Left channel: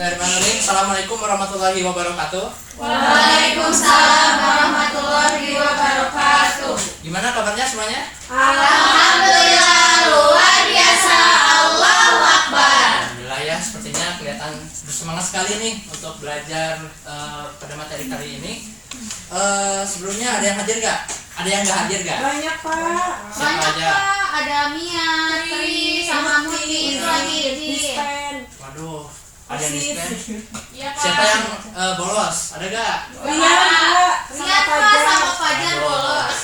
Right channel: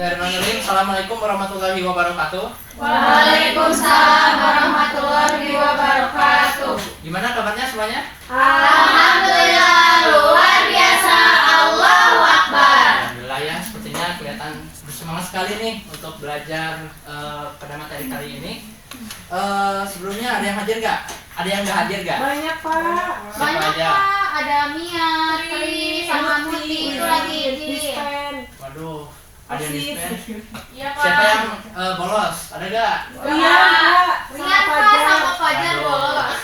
Bismillahirrahmanirrahim. Assalamualaikum warahmatullahi wabarakatuh. Waalaikumsalam warahmatullahi wabarakatuh. Gimana kabarnya semuanya? Alhamdulillah luar biasa. Allahu Akbar. Alhamdulillah ya, sepertinya kelihatan bersemangat sekali nih untuk belajar pada materi kali ini. Sebelumnya ada yang hadir gak? Ada yang gak hadir gak? Banyak Pak. Siapa Banyak aja? Pak, ada Mia, Tri, sama Muti itu lagi di. Dispen. Waduh, ada yang dispen. Iya Pak. Siapa yang bolos? Ada gak? Rian Pak. Rian Pak sama Fajar Aduh. bolos.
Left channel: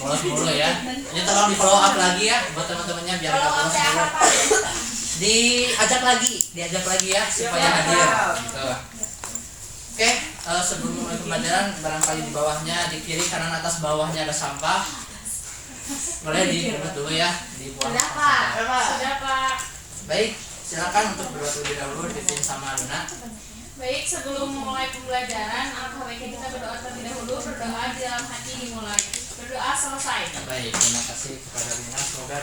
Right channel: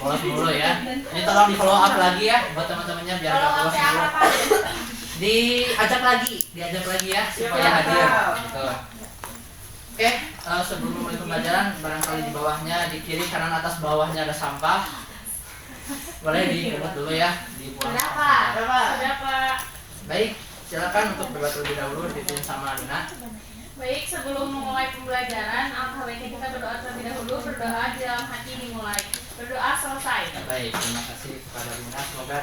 Bolos mulu ya. Ini tolong di follow up lagi ya buat teman-temannya biar gak bolos mulu. Diajak lagi ya supaya hadir. Gitu. Oke, sebelum mulai pembelajaran, barangkali di bawahnya, di kiri kanan atas bawahnya ada sampah. Boleh dipungut dulu ya, dibuang. Sudah Pak. Sudah Pak. Baik, silakan untuk berbuat terlebih dahulu, dipimpin sama Luna. Baik, sebelum mulai pembelajaran, alangkah baiknya kita berdoa terlebih dahulu. Berdoa di dalam hati dimulai. Berdoa selesai. Baik, terima kasih kepada Luna. Semoga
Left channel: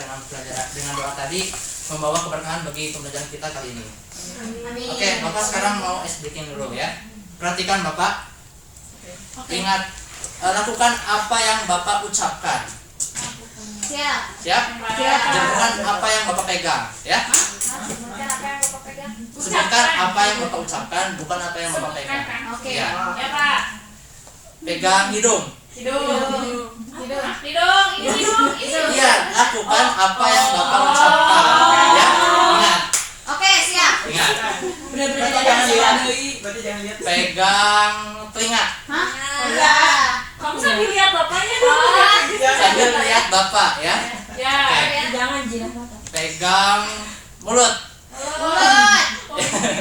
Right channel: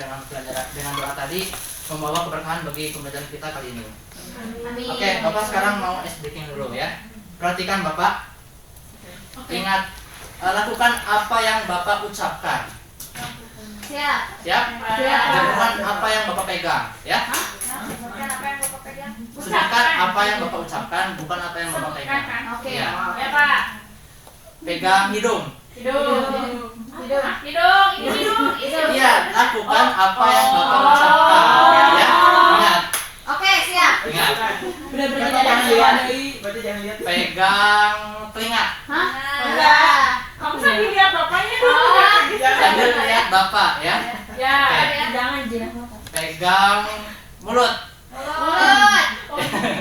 dengan doa tadi membawa keberkahan bagi pembelajaran kita kali ini. Amin. Oke, Bapak sekarang mau SDK dulu ya. Perhatikan Bapak. Ingat, lakukan apa yang Bapak ucapkan. Siap. Siap? Siap. Jangan apa yang Bapak pegang, ya. Bukan apa yang Bapak pegang. Sedangkan apa yang Bapak ucapkan, bukan apa yang Bapak pegang. Oke. Ya. Ya Pak. Pegang hidung. Hidung. Hidung. Hidung. Ini hidung. Iya, lakukan apa yang Bapak ucapkan, ya. Ingat, Oke, siap. ingat. Berarti jangan lihat. Pegang telinga. Hah? Enggak. Kamu sambil lihat bapaknya dong. Sambil lihat Bapak, ya. Ya. Oke. Jangan jinak mata. Pegang mulut. Mulut.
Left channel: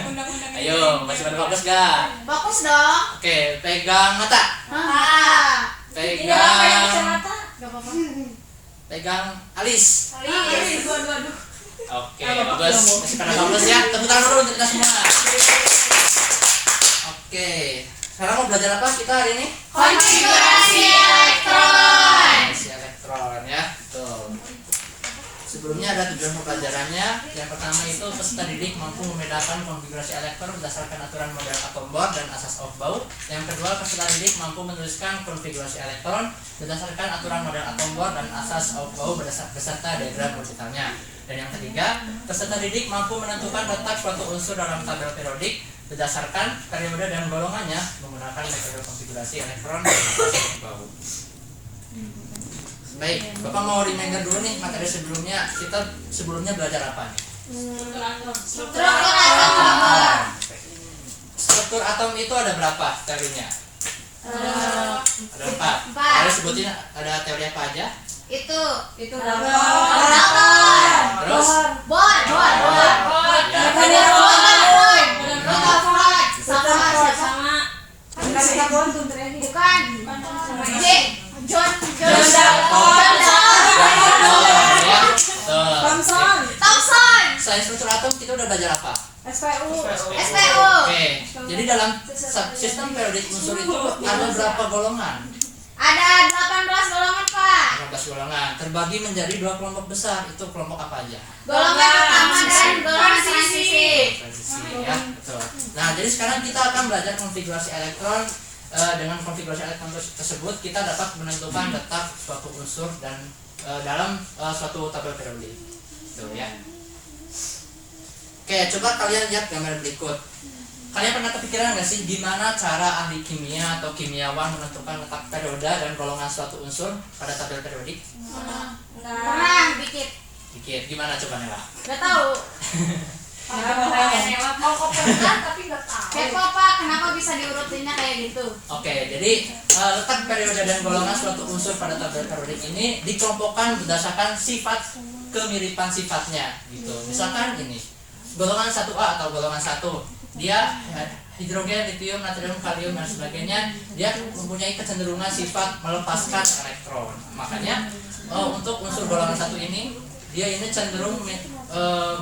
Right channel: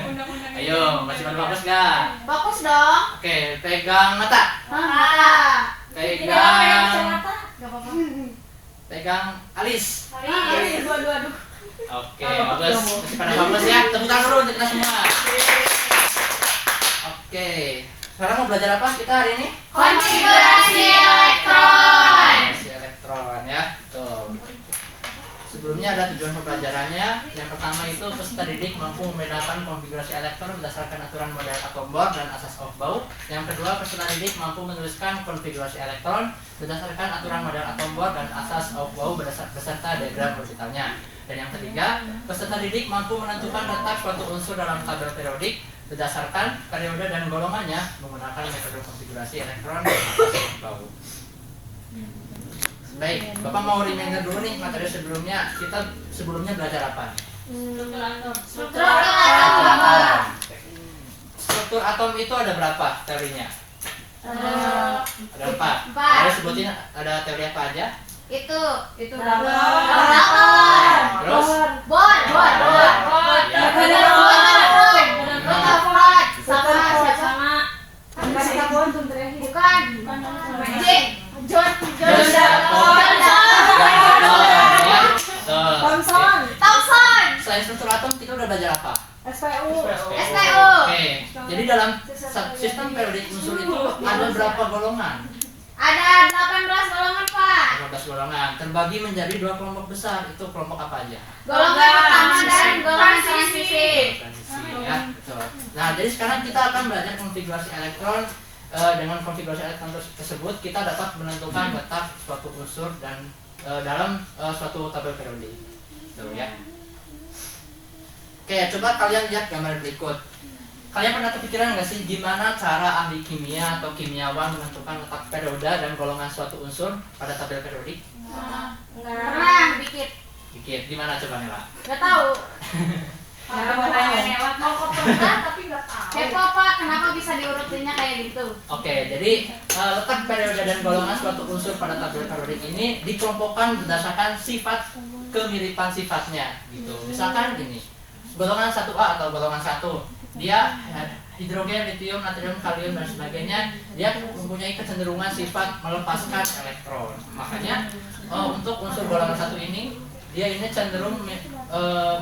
Undang-undang. Ayo, masih pada fokus gak? Fokus dong. Oke, pegang mata. Hah? Pegang Gak apa-apa. pegang alis. Alis. Aduh. Oke, bagus. Masih pada fokus ya. Tepuk tangan dulu untuk kita semua. Oke, sekarang mau belajar apa kita hari ini? Konfigurasi elektron. Konfigurasi elektron ya. Tuh. Sebelumnya ada tujuan pembelajarannya. Yang pertama itu peserta didik mampu membedakan konfigurasi elektron berdasarkan aturan model atom Bohr dan asas Aufbau. Yang kedua, peserta didik mampu menuliskan konfigurasi elektron berdasarkan aturan model atom Bohr dan asas Aufbau beserta diagram orbitalnya. Dan yang ketiga, peserta didik mampu menentukan letak suatu unsur dalam tabel periodik berdasarkan periode dan golongannya menggunakan metode konfigurasi elektron dan asas Aufbau. Baik, Bapak mau reminder dulu nih materi sebelumnya. Kita sebelumnya belajar apa nih? Struktur atom. Struktur atom itu ada berapa teorinya? Ada 4. Empat. Ada sebutin ada teori apa aja? Itu Berapa? proton. Terus? Bor. Ya. Rutherford. Sama. Sama. Kasih kabuan tuh terakhir. Bukan. John Dalton. Ya. Tuh. Thomson. Thomson. Selain struktur atom kita udah belajar apa? SPU. SPU. Oke. Jadi dalam sistem periodik unsur itu ada berapa golongan? Ada 18 golongan, Pak. 15 golongan. Terbagi menjadi 2 kelompok besar. Itu kelompok apa aja? Golongan pertama dan golongan transisi. Transisi ya, betul. Nah, jadi sekarang kita akan belajar konfigurasi elektron. Dengan konfigurasi elektron tersebut kita dapat menentukan letak suatu unsur dan dalam suatu tabel periodik. Tuh ya. Oke, coba kalian lihat gambar berikut. Kalian pernah kepikiran nggak sih gimana cara ahli kimia atau kimiawan menentukan letak periode dan golongan suatu unsur pada tabel periodik? Pernah dikit. Dikit, gimana coba Nela? Gak tahu. Mau ke pernah tapi nggak tahu. Kepo, Pak. Kenapa bisa diurutinnya kayak gitu? Oke, jadi letak periode dan golongan suatu unsur pada tabel periodik ini dikelompokkan berdasarkan sifat kemiripan sifatnya gitu. Misalkan ini, golongan 1A atau golongan 1, dia hidrogen, litium, natrium, kalium dan sebagainya, dia mempunyai kecenderungan sifat melepaskan elektron. Makanya untuk unsur golongan 1 ini, dia ini cenderung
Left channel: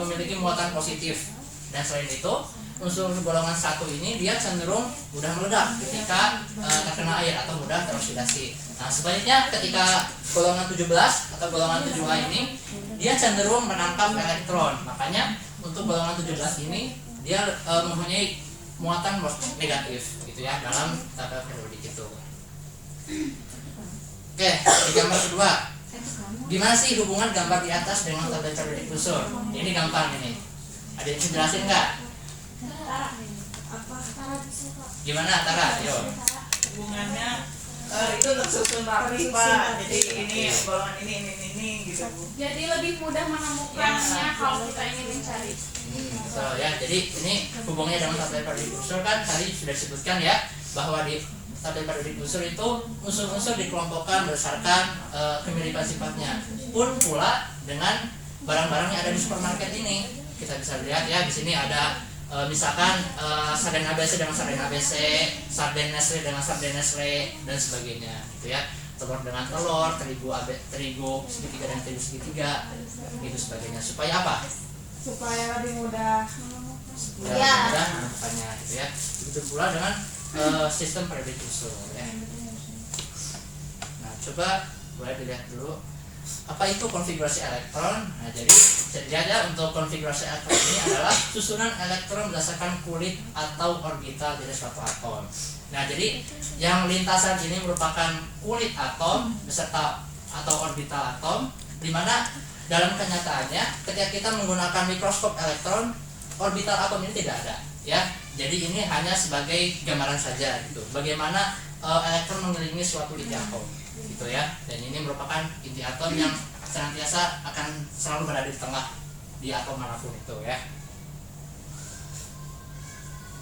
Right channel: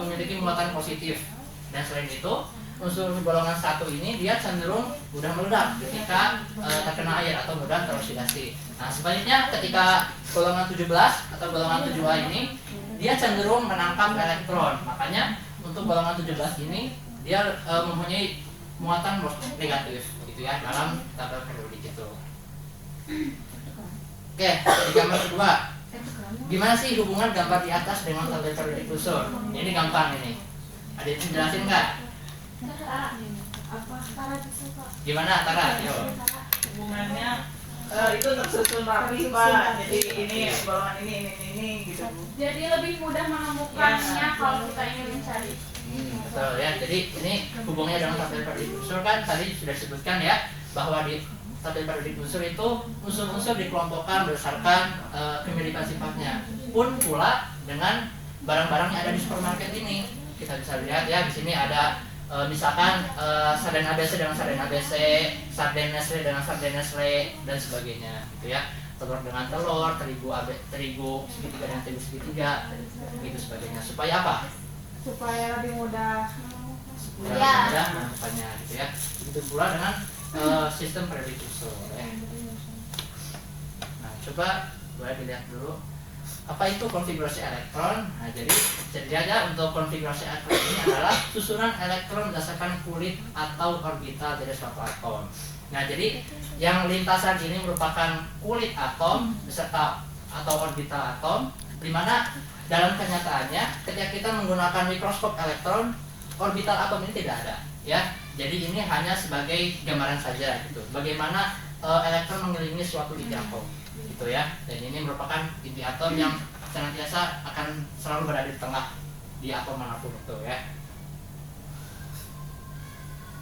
memiliki muatan positif. Dan selain itu, unsur golongan 1 ini dia cenderung mudah meledak ketika terkena air atau mudah teroksidasi. Nah, sebaliknya ketika golongan 17 atau golongan 7A ini dia cenderung menangkap elektron. Makanya untuk golongan 17 ini dia mempunyai muatan negatif gitu ya dalam tabel periodik itu. Oke, di gambar kedua, gimana sih hubungan gambar di atas dengan tabel periodik unsur? Ini gampang ini. Ada yang jelasin nggak? Gimana Tara? Yo. Hubungannya itu tersusun rapi Pak. Jadi ini golongan ini gitu Bu. Jadi lebih mudah menemukannya kalau kita ingin mencari. Betul ya. Jadi ini hubungannya dengan tabel periodik unsur kan tadi sudah disebutkan ya bahwa di tabel periodik unsur itu unsur-unsur dikelompokkan berdasarkan kemiripan sifatnya. Pun pula dengan barang-barang yang ada di supermarket ini. Kita bisa lihat ya di sini ada misalkan sarden ABC dengan sarden ABC, sarden Nestle dengan sarden Nestle dan sebagainya gitu ya. Telur dengan telur, terigu segitiga dengan terigu segitiga gitu sebagainya. Supaya apa? Supaya lebih mudah. Ya. Menemukannya gitu ya. Begitu pula dengan sistem periodik unsur ya. Nah, coba boleh dilihat dulu apa itu konfigurasi elektron. Nah, jadi aja untuk konfigurasi elektron ini adalah susunan elektron berdasarkan kulit atau orbital dari suatu atom. Nah, jadi yang lintasan ini merupakan kulit atom beserta atau orbital atom, di mana dalam kenyataannya ketika kita menggunakan mikroskop elektron, orbital atom ini tidak ada ya. Jadi ini hanya sebagai gambaran saja gitu. Bagaimana elektron mengelilingi suatu inti atom gitu ya. Dan ini merupakan inti atom yang senantiasa akan selalu berada di tengah di atom manapun itu ya.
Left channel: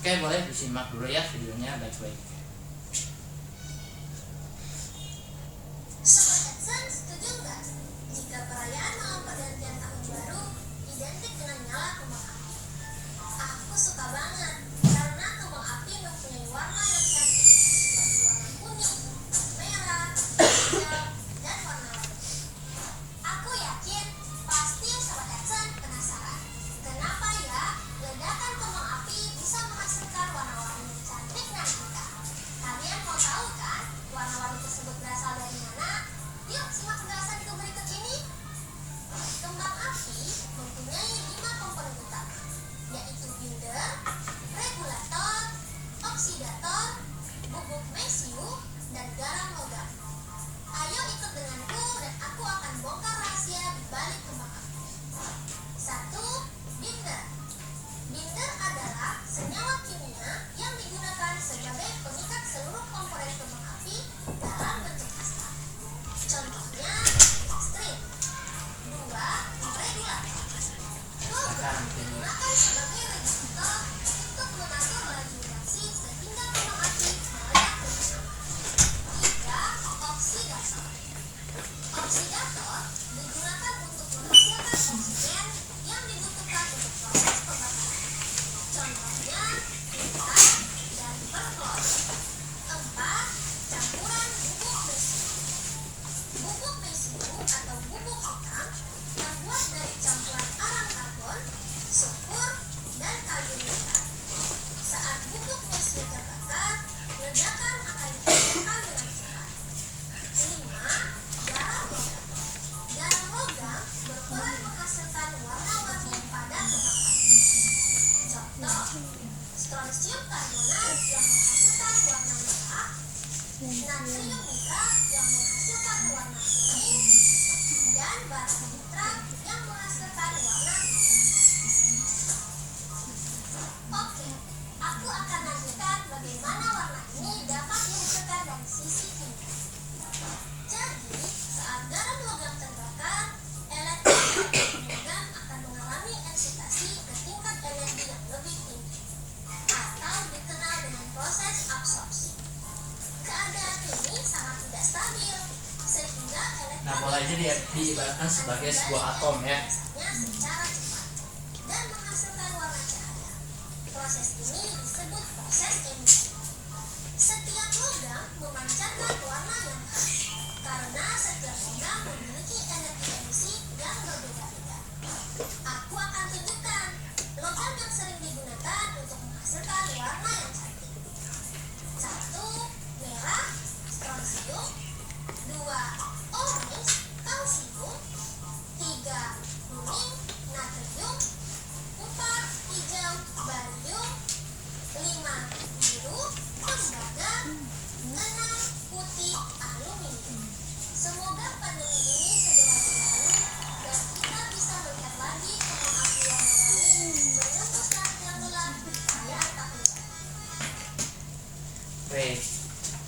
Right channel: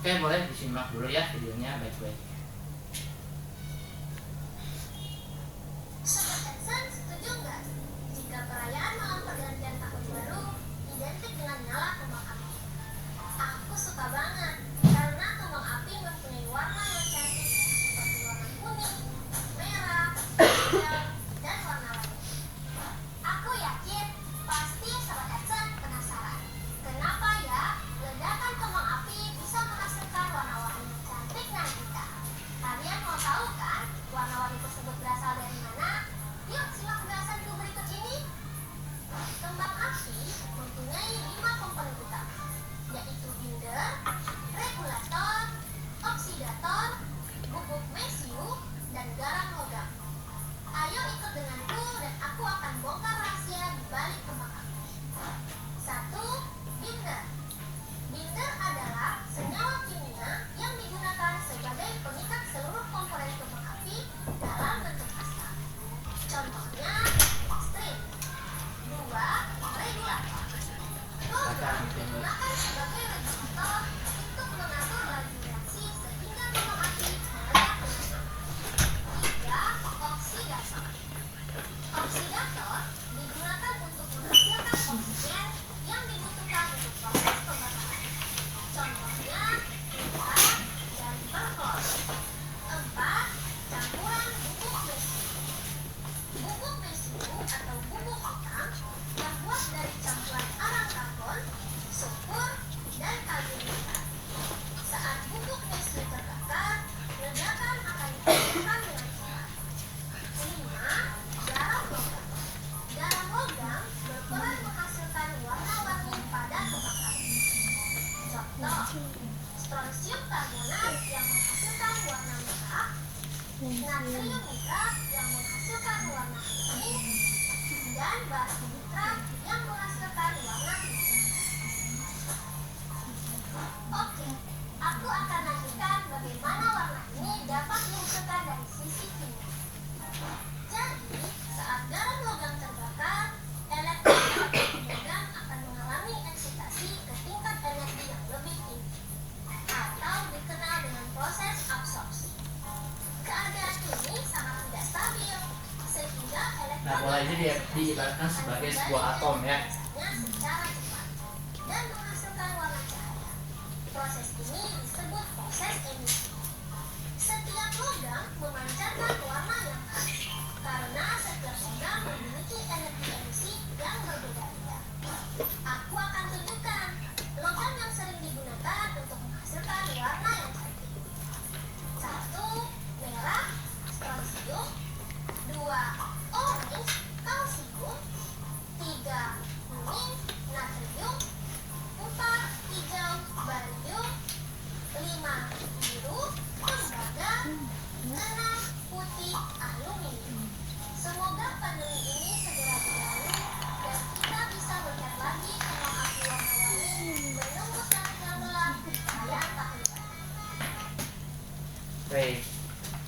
Oke, boleh disimak dulu ya videonya baik-baik. Sobat Edson, setuju nggak jika perayaan malam pergantian tahun baru identik dengan nyala kembang api? Aku suka banget karena kembang api mempunyai warna yang cantik seperti warna kuning, merah, hijau, dan warna lain. Aku yakin pasti Sobat Edson penasaran kenapa ya ledakan kembang api bisa menghasilkan warna-warni yang cantik nanti. Kalian mau tahu kan warna-warni tersebut berasal dari mana? Yuk simak penjelasanku berikut ini. Kembang api mempunyai 5 komponen utama, yaitu binder, regulator, oksidator, bubuk mesiu, dan garam logam. Ayo ikut denganku dan aku akan bongkar rahasia di balik kembang api. 1. Binder. Binder adalah senyawa kimia yang digunakan sebagai pengikat seluruh komponen kembang api dalam bentuk pasta. Contohnya listrik. 2. Regulator. Logam digunakan sebagai regulator untuk mengatur laju reaksi sehingga kembang api meledak lebih cepat. 3. Oksidator. Oksidator digunakan untuk menghasilkan oksigen yang dibutuhkan untuk proses pembakaran. Contohnya tinta dan perklor. 4. Campuran bubuk mesiu. Bubuk mesiu atau bubuk hitam terbuat dari campuran arang karbon, sulfur, dan kalium nitrat. Saat bubuk mesiu terbakar, ledakan akan dihasilkan dengan cepat. 5. Garam logam. Garam logam berperan menghasilkan warna-warni pada kembang api. Contoh, strontium karbonat yang menghasilkan warna merah, natrium nitrat yang menghasilkan warna kuning, dan barium nitrat yang menghasilkan warna hitam. Oke, aku akan lanjutkan bagaimana warna ini dapat dihasilkan dari sisi kimia. Jadi, saat garam logam terbakar, elektron dalam logam akan mengalami eksitasi ke tingkat energi yang lebih tinggi, atau dikenal dengan proses absorpsi. Keadaan ini sangat tidak stabil, sehingga elektron Nah, bola ini diibaratkan sebagai sebuah atom ya. secara cepat dan menghasilkan warna cahaya. Proses ini disebut proses emisi. Setiap logam memancarkan warna yang khas karena setiap logam memiliki energi emisi yang berbeda-beda. Aku akan tunjukkan logam yang sering digunakan untuk menghasilkan warna yang cantik. 1. Merah, strontium. 2. Orange, kalsium. 3. Kuning, natrium. 4. Hijau, barium. 5. Merah, putih, aluminium. Semoga pandemi ini segera berlalu dan kita bisa melihat lagi kembang api warna-warni menembus langit yang gelap di perayaan tahun baru. Baik.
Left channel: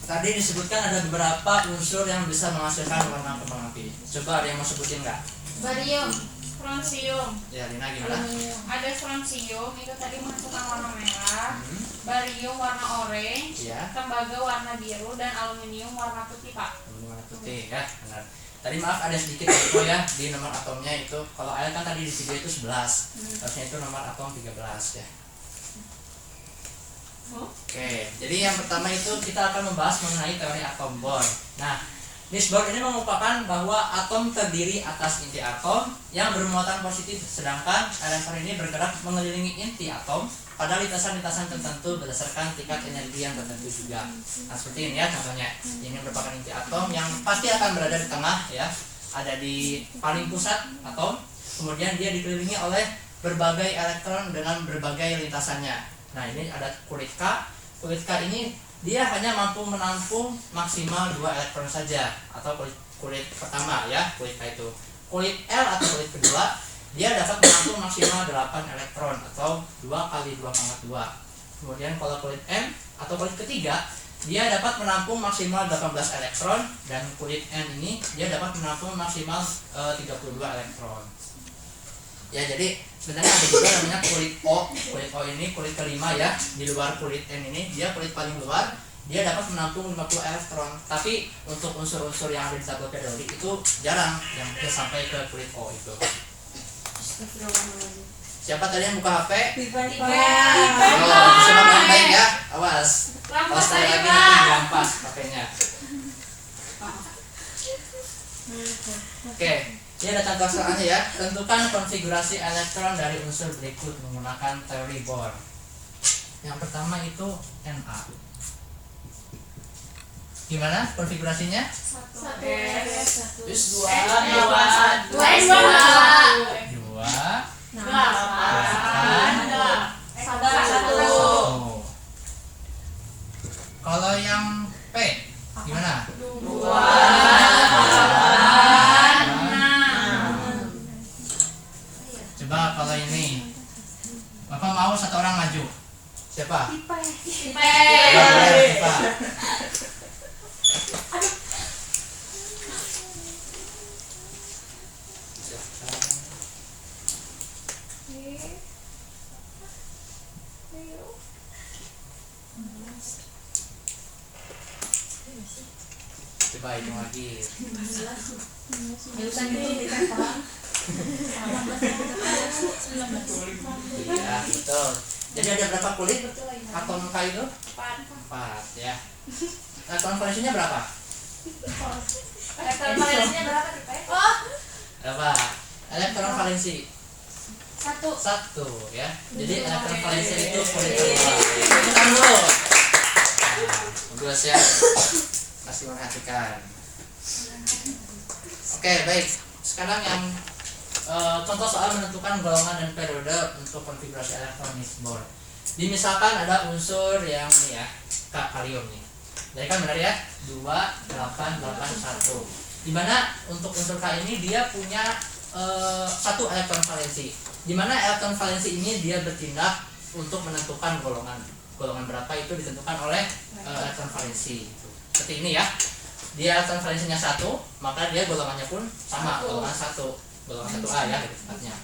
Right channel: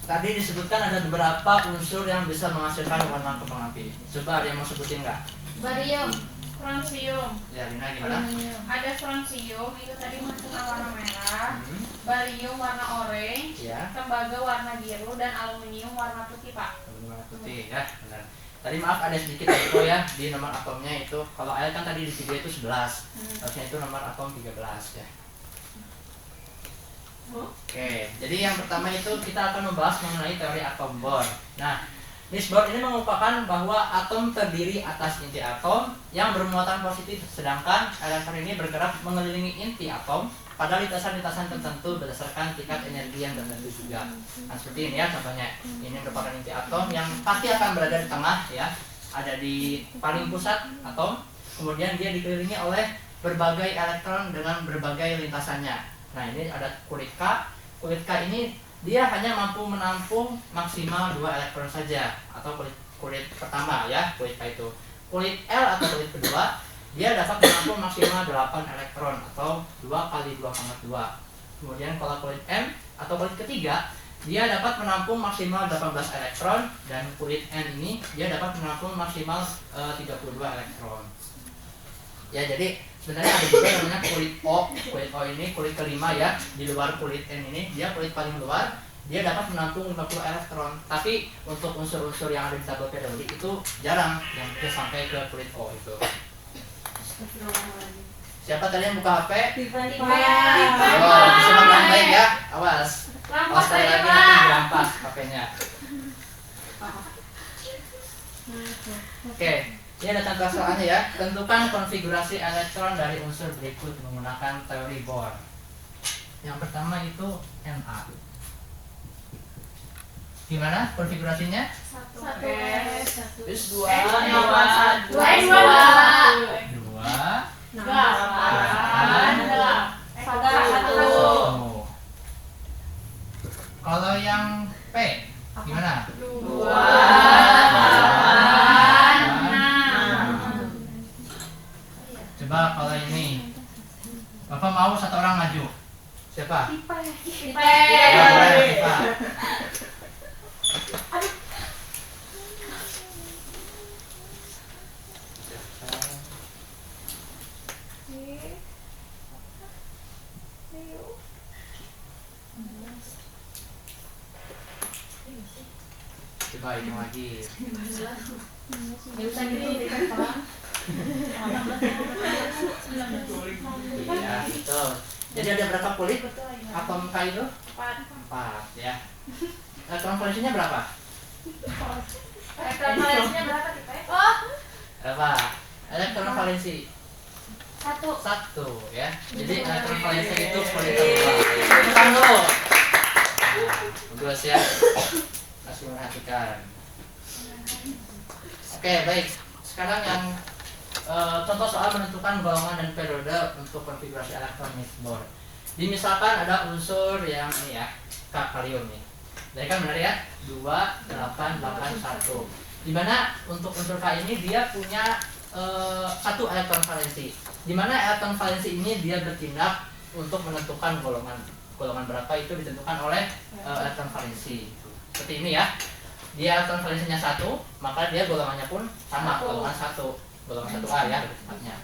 Tadi disebutkan ada beberapa unsur yang bisa menghasilkan warna kembang api. Coba ada yang mau sebutin nggak? Barium. Strontium. Ya, Lina gimana? Ada strontium itu tadi menghasilkan warna merah, barium warna orange, Ya, tembaga warna biru, dan aluminium warna putih, Pak. warna putih ya, benar. Tadi maaf ada sedikit info ya di nomor atomnya itu. Kalau L kan tadi di video itu 11. Harusnya itu nomor atom 13 ya. Oke, jadi yang pertama itu kita akan membahas mengenai teori atom Bohr. Nah, Niels Bohr ini mengungkapkan bahwa atom terdiri atas inti atom yang bermuatan positif, sedangkan elektron ini bergerak mengelilingi inti atom pada lintasan-lintasan tertentu berdasarkan tingkat energi yang tertentu juga. Nah, seperti ini ya contohnya. Ini merupakan inti atom yang pasti akan berada di tengah ya, ada di paling pusat atom. Kemudian dia dikelilingi oleh berbagai elektron dengan berbagai lintasannya. Nah, ini ada kulit K. Kulit K ini dia hanya mampu menampung maksimal 2 elektron saja, atau kulit pertama ya, kulit K itu. Kulit L atau kulit kedua dia dapat menampung maksimal 8 elektron atau 2 kali 2,2. Kemudian kalau kulit M atau kulit ketiga dia dapat menampung maksimal 18 elektron, dan kulit N ini dia dapat menampung maksimal 32 elektron. Ya, jadi sebenarnya ada juga namanya kulit O. Kulit O ini kulit kelima ya, di luar kulit N ini, dia kulit paling luar, dia dapat menampung 50 elektron. Tapi untuk unsur-unsur yang ada di tabel periodik itu jarang yang bisa sampai ke kulit O itu. Siapa tadi yang buka HP? Oh, disuruh yang baik ya, awas. Awas sekali lagi nanti dirampas HP-nya. Oke. Ini ada contoh soalnya ya. Tentukan konfigurasi elektron dari unsur berikut menggunakan teori Bohr. Yang pertama itu Na. Gimana konfigurasinya? 1 Terus 2 2 Oh. Kalau yang P gimana? 2 Coba kalau ini Bapak mau satu orang maju. Siapa? Ya, boleh, Pak. Coba hitung lagi. Ya, betul. Jadi ada berapa kulit atom K itu? 4 ya. Elektron valensinya berapa? Elektron valensinya berapa, Tipe? Berapa? Elektron valensi 1 ya. Jadi elektron valensi itu kulit kedua. Tekan dulu. Bagus ya. Kasih perhatikan. Oke, baik. Sekarang yang contoh soal menentukan golongan dan periode untuk konfigurasi elektron Niels Bohr. Misalkan ada unsur yang ini ya, kalium nih. Jadi kan benar ya, 2881. Dimana untuk unsur K ini dia punya 1 elektron valensi. Dimana elektron valensi ini dia bertindak untuk menentukan golongan berapa itu ditentukan oleh elektron valensi. Seperti ini ya. Dia elektron valensinya 1, maka dia golongannya pun sama, golongan 1. Golongan 1A ya lebih tepatnya.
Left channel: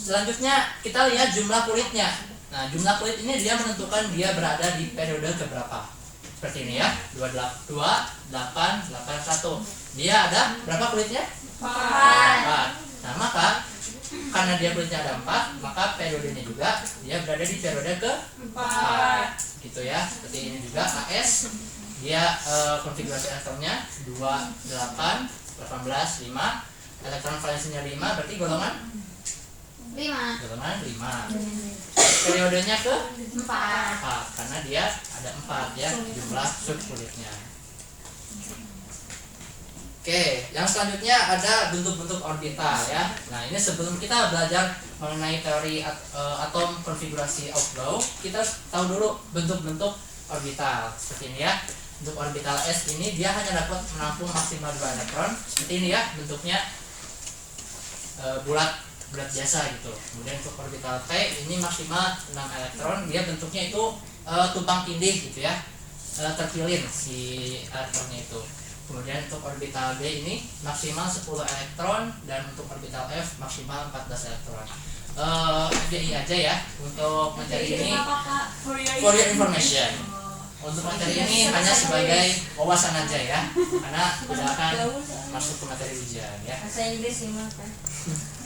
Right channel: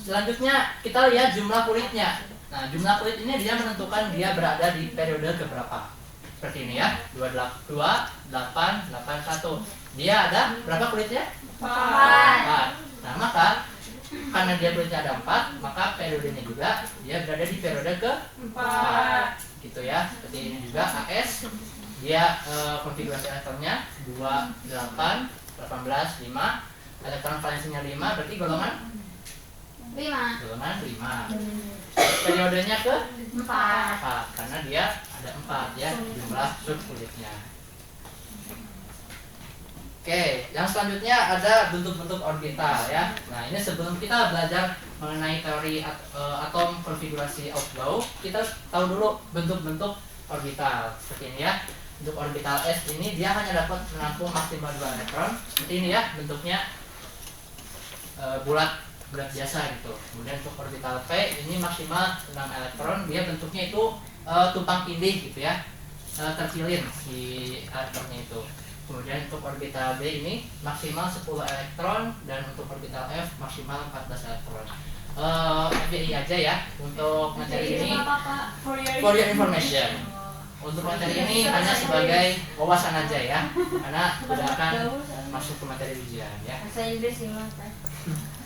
Selanjutnya kita lihat jumlah kulitnya. Nah, jumlah kulit ini dia menentukan dia berada di periode keberapa. Seperti ini ya, 2881. Dia ada berapa kulitnya? 4. Nah, maka karena dia kulitnya ada 4, maka periodenya juga dia berada di periode ke-4. Gitu ya. Seperti ini juga AS. Dia konfigurasi elektronnya 28 18 5. Elektron valensinya 5, berarti golongan 5. golongan 5. Periodenya ke 4. 4 karena dia ada 4 ya jumlah subkulitnya. Oke, yang selanjutnya ada bentuk-bentuk orbital ya. Nah, ini sebelum kita belajar mengenai teori atom konfigurasi Outlaw, kita tahu dulu bentuk-bentuk orbital seperti ini ya. Untuk orbital S ini dia hanya dapat menampung maksimal 2 elektron seperti ini ya, bentuknya bulat biasa gitu. Kemudian untuk orbital P ini maksimal 6 elektron, dia bentuknya itu tumpang tindih gitu ya, terpilin si elektronnya itu. Kemudian untuk orbital B ini maksimal 10 elektron, dan untuk orbital F maksimal 14 elektron. FYI aja ya untuk materi ini, for your information. Untuk materi ini hanya sebagai wawasan aja ya, karena tidak akan masuk ke materi ujian ya. Bahasa Inggris gimana Pak?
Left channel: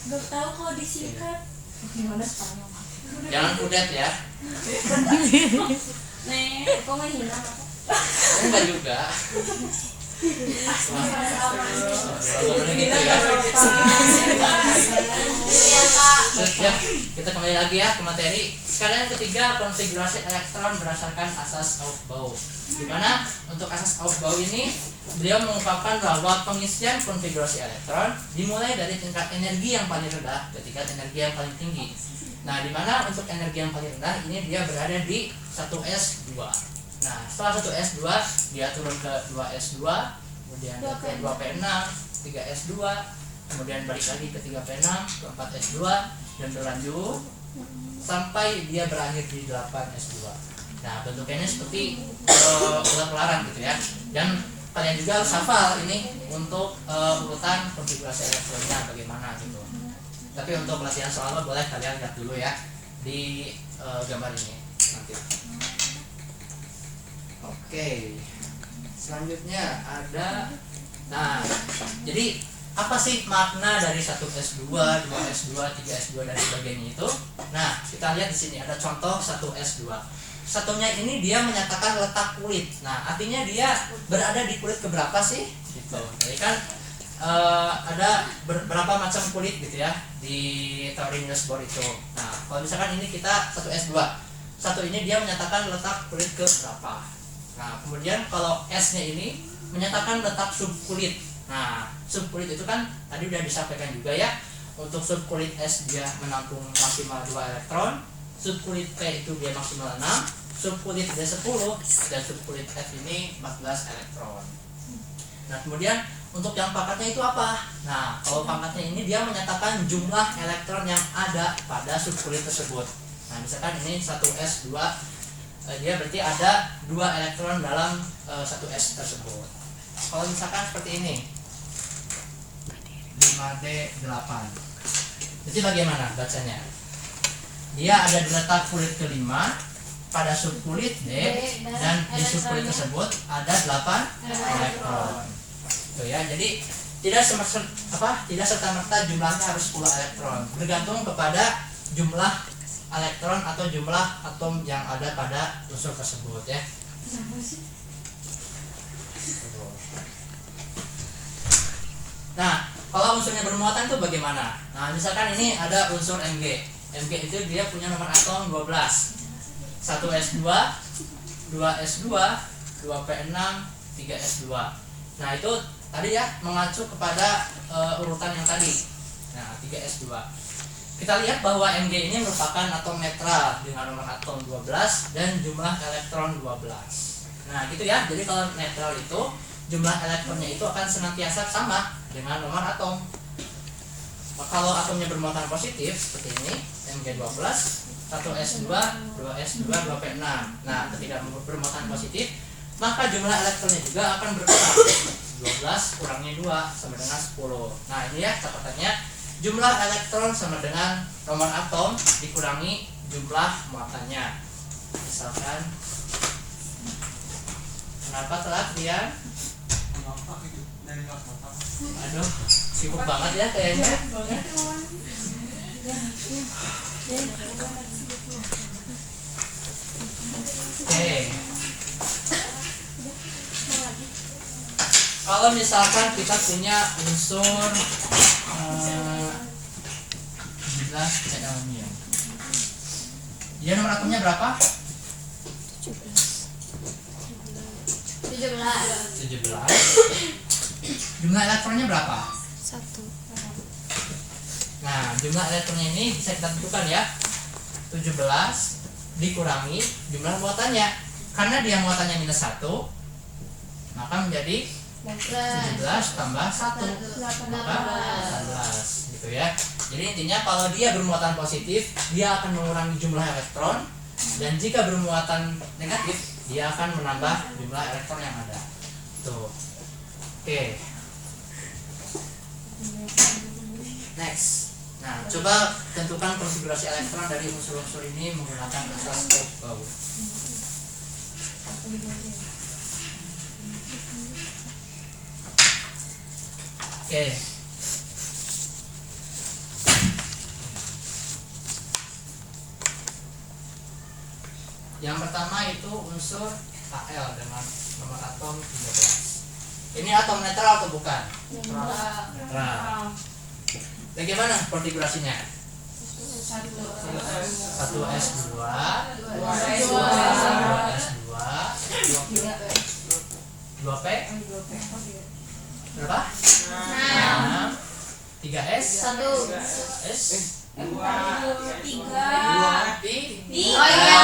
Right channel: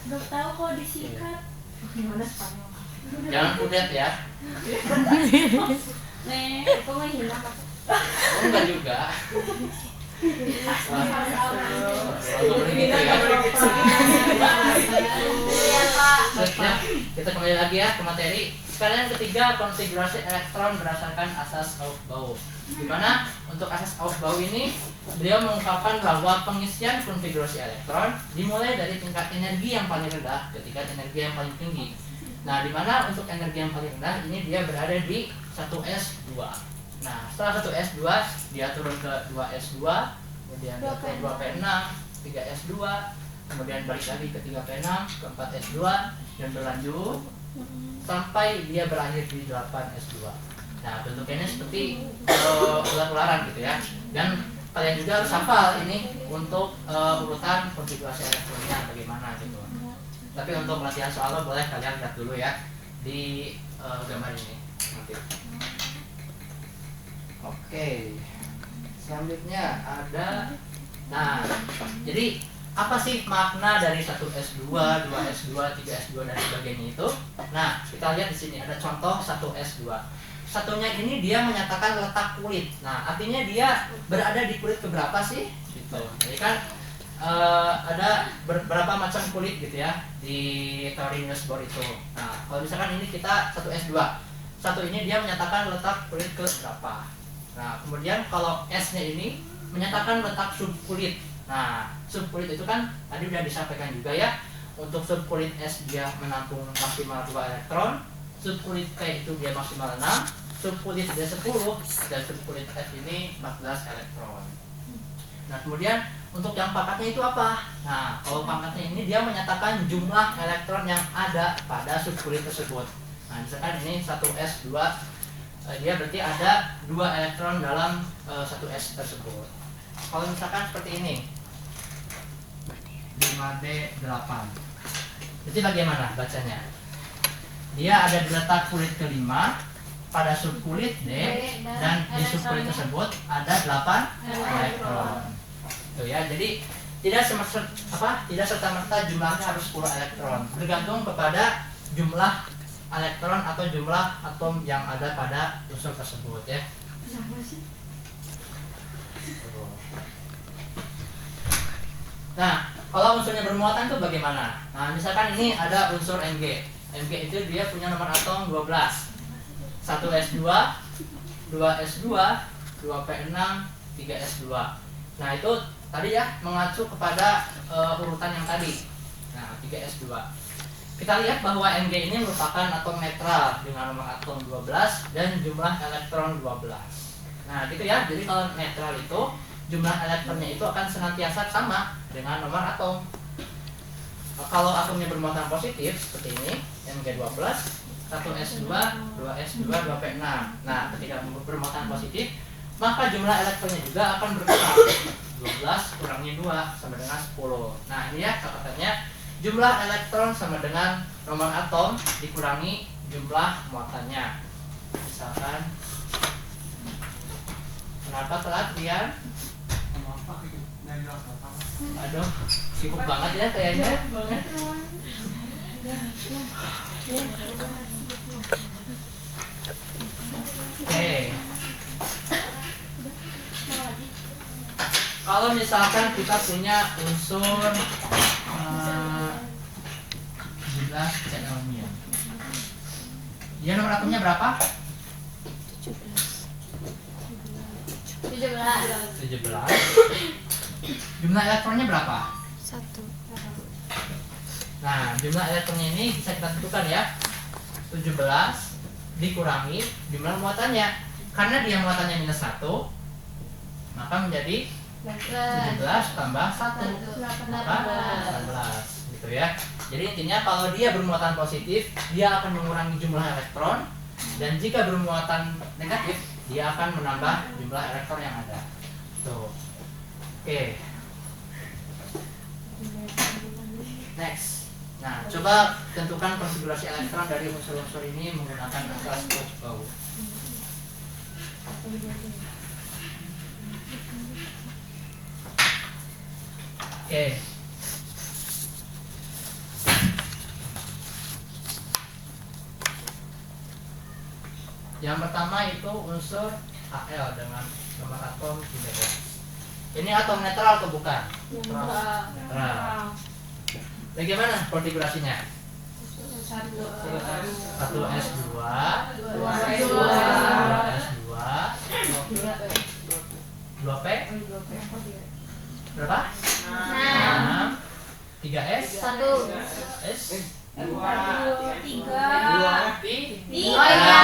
Belum tahu kalau disingkat. Gimana Spanyol? Jangan kudet ya. Nih, Kok mau hina Pak? Enggak juga. Gitu ya. Terus ya, kita kembali lagi ya ke materi. Sekarang yang ketiga, konfigurasi elektron berdasarkan asas Aufbau. Dimana untuk asas Aufbau ini beliau mengungkapkan bahwa pengisian konfigurasi elektron dimulai dari tingkat energi yang paling rendah ke tingkat energi yang paling tinggi. Nah, dimana untuk energi yang paling rendah ini dia berada di 1s2. Nah, setelah 1s2 dia turun ke 2s2, kemudian ke 2p6, 3s2, kemudian balik lagi ke 3p6, ke 4s2, dan berlanjut sampai dia berakhir di 8s2. Nah, bentuknya ini seperti ular-ularan gitu ya. Dan kalian juga harus hafal ini untuk urutan konfigurasi elektronnya bagaimana gitu. Tapi untuk latihan soalnya boleh kalian lihat dulu ya di gambar ini nanti. Oke. Selanjutnya ada, nah, jadi apa sih makna dari 1s2, 2s2, 3s2 dan sebagainya itu? Nah, kita lihat di sini ada contoh 1s2. Satunya ini dia menyatakan letak kulit. Nah, artinya dia berada di kulit keberapa sih? Gitu. Jadi kan ada berapa macam kulit gitu ya di teori Niels Bohr itu. Nah, kalau misalkan ini kita 1s2. Satu ini dia menyatakan letak kulit ke berapa. Nah, kemudian kalau S-nya ini menyatakan letak subkulit. Nah, subkulit itu kan tadi udah disampaikan juga ya. Untuk subkulit S dia menampung maksimal 2 elektron, subkulit P itu dia maksimal 6, subkulit D 10, dan subkulit F ini 14 elektron. Nah, kemudian untuk yang pangkatnya itu apa? Nah, kalau pangkatnya ini dia menyatakan jumlah elektron yang ada pada subkulit tersebut. Nah, misalkan ini 1s2, dia berarti ada 2 elektron dalam 1s tersebut. Kalau misalkan seperti ini 5d8, jadi bagaimana bacanya? Dia ada di letak kulit ke-5 pada subkulit D, dan di subkulit tersebut ada 8 elektron. Tuh ya, jadi tidak serta-merta jumlahnya harus 10 elektron, bergantung kepada jumlah elektron atau jumlah atom yang ada pada unsur tersebut ya. Nah, kalau unsurnya bermuatan itu bagaimana? Nah, misalkan ini ada unsur Mg. Mg itu dia punya nomor atom 12. 1s2, 2s2, 2p6, 3s2. Nah, itu tadi ya mengacu kepada urutan yang tadi. Nah, 3s2. Kita lihat bahwa Mg ini merupakan atom netral dengan nomor atom 12 dan jumlah elektron 12. Nah, gitu ya. Jadi kalau netral itu jumlah elektronnya itu akan senantiasa sama dengan nomor atom. Kalau atomnya bermuatan positif seperti ini, Mg12, 1s2, 2s2, 2p6. Nah, ketika bermuatan positif, maka jumlah elektronnya juga akan berkurang. 12 kurangi 2 sama dengan 10. Nah, ini ya catatannya, jumlah elektron sama dengan nomor atom dikurangi jumlah muatannya. Misalkan, kenapa telat Rian? Aduh, sibuk banget ya kayaknya. Oke. Kalau misalkan kita punya unsur 17 aluminium, dia nomor atomnya berapa? 17. Jumlah elektronnya berapa? 1. Nah, jumlah elektronnya ini bisa kita tentukan ya. 17 dikurangi jumlah muatannya. karena dia muatannya -1, maka menjadi 17 tambah 1 maka 18 gitu ya. Jadi intinya kalau dia bermuatan positif, dia akan mengurangi jumlah elektron, dan jika bermuatan negatif, dia akan menambah jumlah elektron yang ada. Tuh. Oke. Next. Nah, coba tentukan konfigurasi elektron dari unsur-unsur ini menggunakan atlas Bau. Oke. Yang pertama itu unsur Al dengan nomor atom 13. Ini atom netral atau bukan? Netral. Bagaimana konfigurasinya? 1s2, 2s2, 2p, berapa? 6, 3s, 1. s, 2, 3. Oh iya.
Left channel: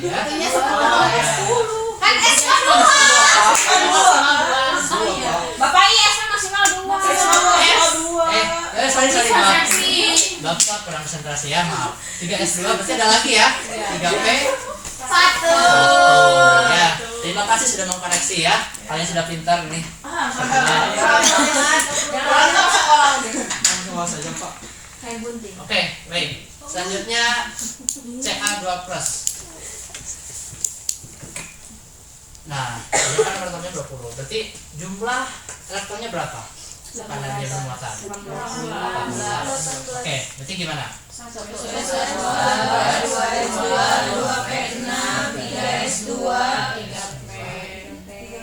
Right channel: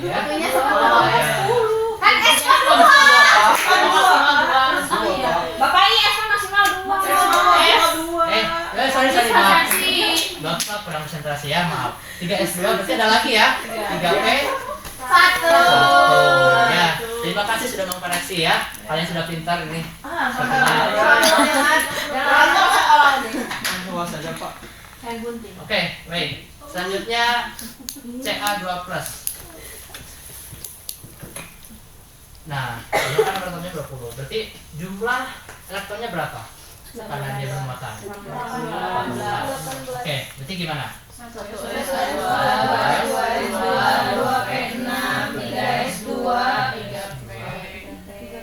Ya. Punya 10. Kan S kan 2. Bapak IS maksimal 2. Sorry Bapak kurang konsentrasi ya, maaf. 3s2 berarti ada lagi ya. 3p, 1. ya. Terima kasih sudah mengkoreksi ya. Kalian sudah pintar ini. Oke, baik. Selanjutnya Ca2+. Nah, ini kan elektronnya 20. Berarti jumlah elektronnya berapa? Karena dia bermuatan. 18. Oke, berarti gimana?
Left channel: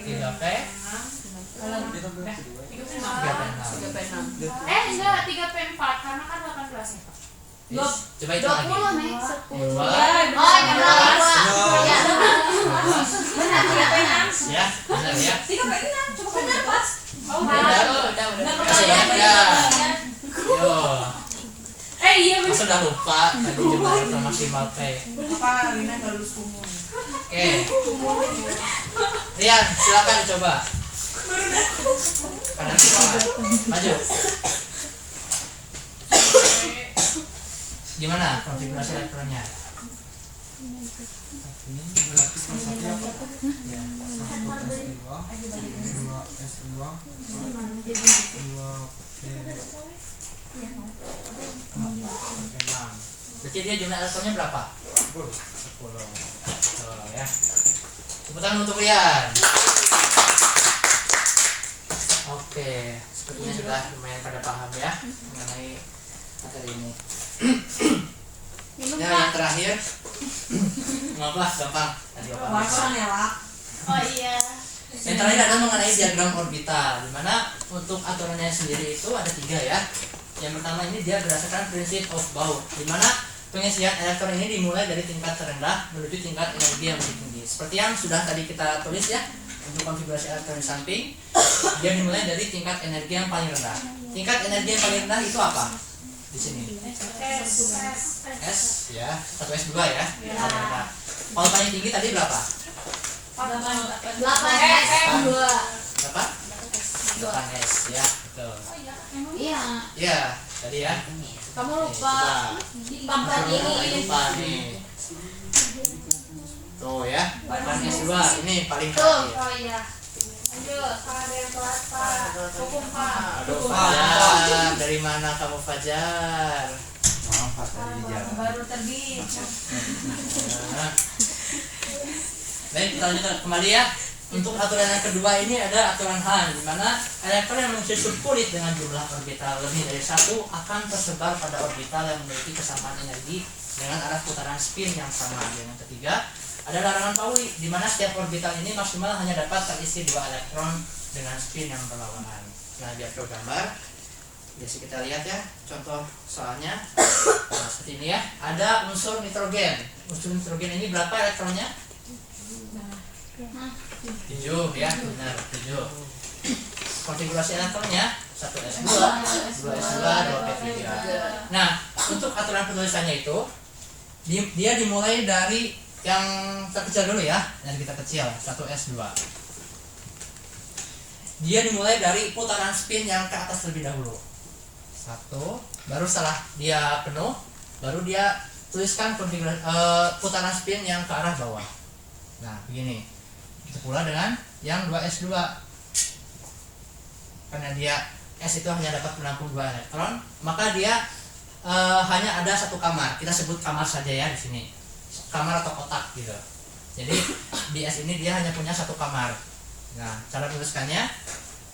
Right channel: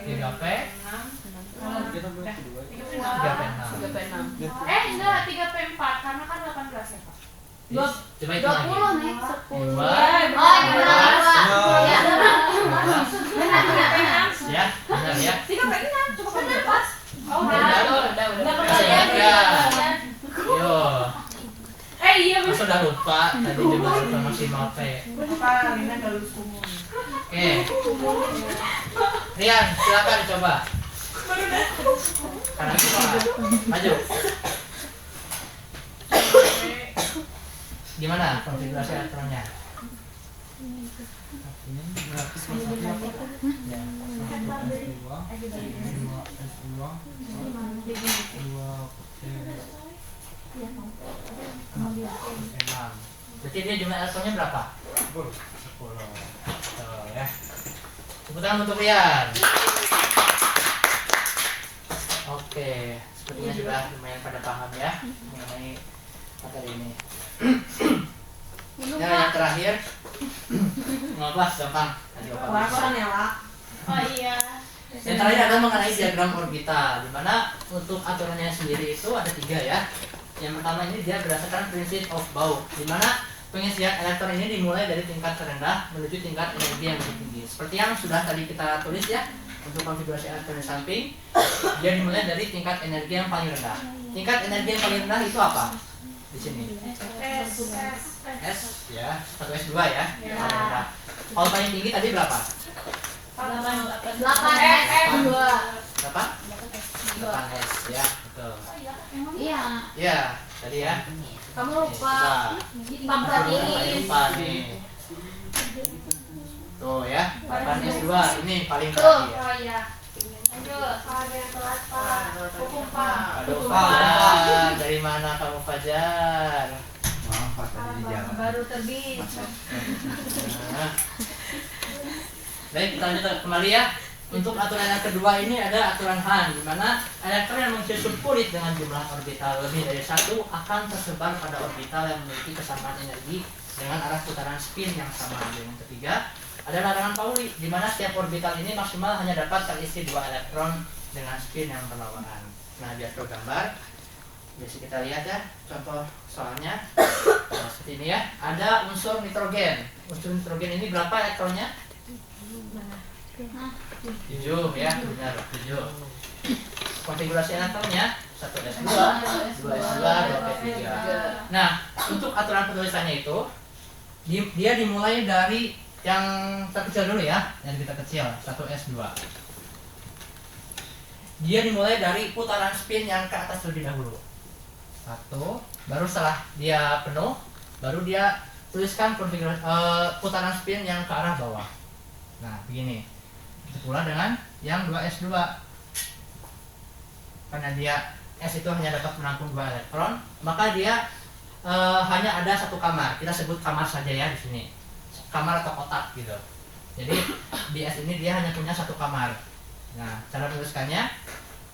3p, 3p6. Enggak, 3P4 karena kan 18 ya, Pak. Coba itu lagi. 20 nih. 2. Oh, jumlah 2. Benar Ya, benar ya. 3 cuma benar pas. Udah. Masih ingat ya? Yo. Iya Masa udah lupa tadi jumlah elektron maksimal P. Apa Lina nggak lulus umum? Oke. Rian, silakan coba. Karena kita maju. Gimana konfigurasi elektronnya? Berarti dia jumlah elektronnya berapa? 10. Tuh ya. Tepuk tangan untuk Rian. Oke, sepertinya sudah lumayan pada paham ya mengenai materi ini. Ya, yang terakhir. Ngapa? Gampang. Tadi Bapak bisa. Warna ya, Wak. Oh iya. Yang terakhir adalah mengenai diagram orbital, di mana untuk aturannya sendiri itu ada 3 ya. Yang pertama ini dia berdasarkan prinsip of Bau, di mana pengisian elektron ini dimulai dari tingkat terendah menuju tingkat energi yang lebih tinggi. Seperti yang sudah tadi kita tulis ya, untuk konfigurasi elektron di samping, dia dimulai dari tingkat energi yang paling rendah. Tingkat energi yang paling rendah itu apa? Di sini. S ya, 1s2 ya. Paling rendah. Kalau paling tinggi tadi berapa? 8 S2. Berapa? 8s ya, betul. Iya. Ya, tadi ya. Kamu lupa. Lupa nih. Tuh ya, 8s2 ini paling terakhir. Oh iya. Lanjut. Hukum Pak. Aduh, Fajar, dari mana kamu Fajar? Maaf Pak, tadi di jalan. Baru terbit. Nah. Baik, kita lanjut kembali ya. Untuk aturan yang kedua ini ada aturan Hahn, di mana elektron yang mengisi subkulit dengan jumlah orbital lebih dari 1 akan tersebar pada orbital yang memiliki kesamaan energi dengan arah putaran spin yang sama. Dan yang ketiga ada larangan Pauli, di mana setiap orbital ini maksimal hanya dapat terisi 2 elektron dengan spin yang berlawanan. Nah, biar ke gambar, bisa kita lihat ya contoh soalnya. Nah, seperti ini ya, ada unsur nitrogen. Unsur nitrogen ini berapa elektronnya? 7 ya, benar 7. Konfigurasi elektronnya 1s2, 2s2, 2p3. Nah, untuk aturan penulisannya itu dia dimulai dari yang terkecil dulu ya, dari kita kecil 1S2. Dia dimulai dari putaran spin yang ke atas terlebih dahulu. 1, baru setelah dia penuh, baru dia tuliskan konfigurasi putaran spin yang ke arah bawah. Nah, begini. Itu pula dengan yang 2S2. Karena dia S itu hanya dapat menampung 2 elektron, maka dia hanya ada satu kamar. Kita sebut kamar saja ya di sini. Kamar atau kotak gitu. Jadi di S ini dia hanya punya satu kamar. Nah, cara menuliskannya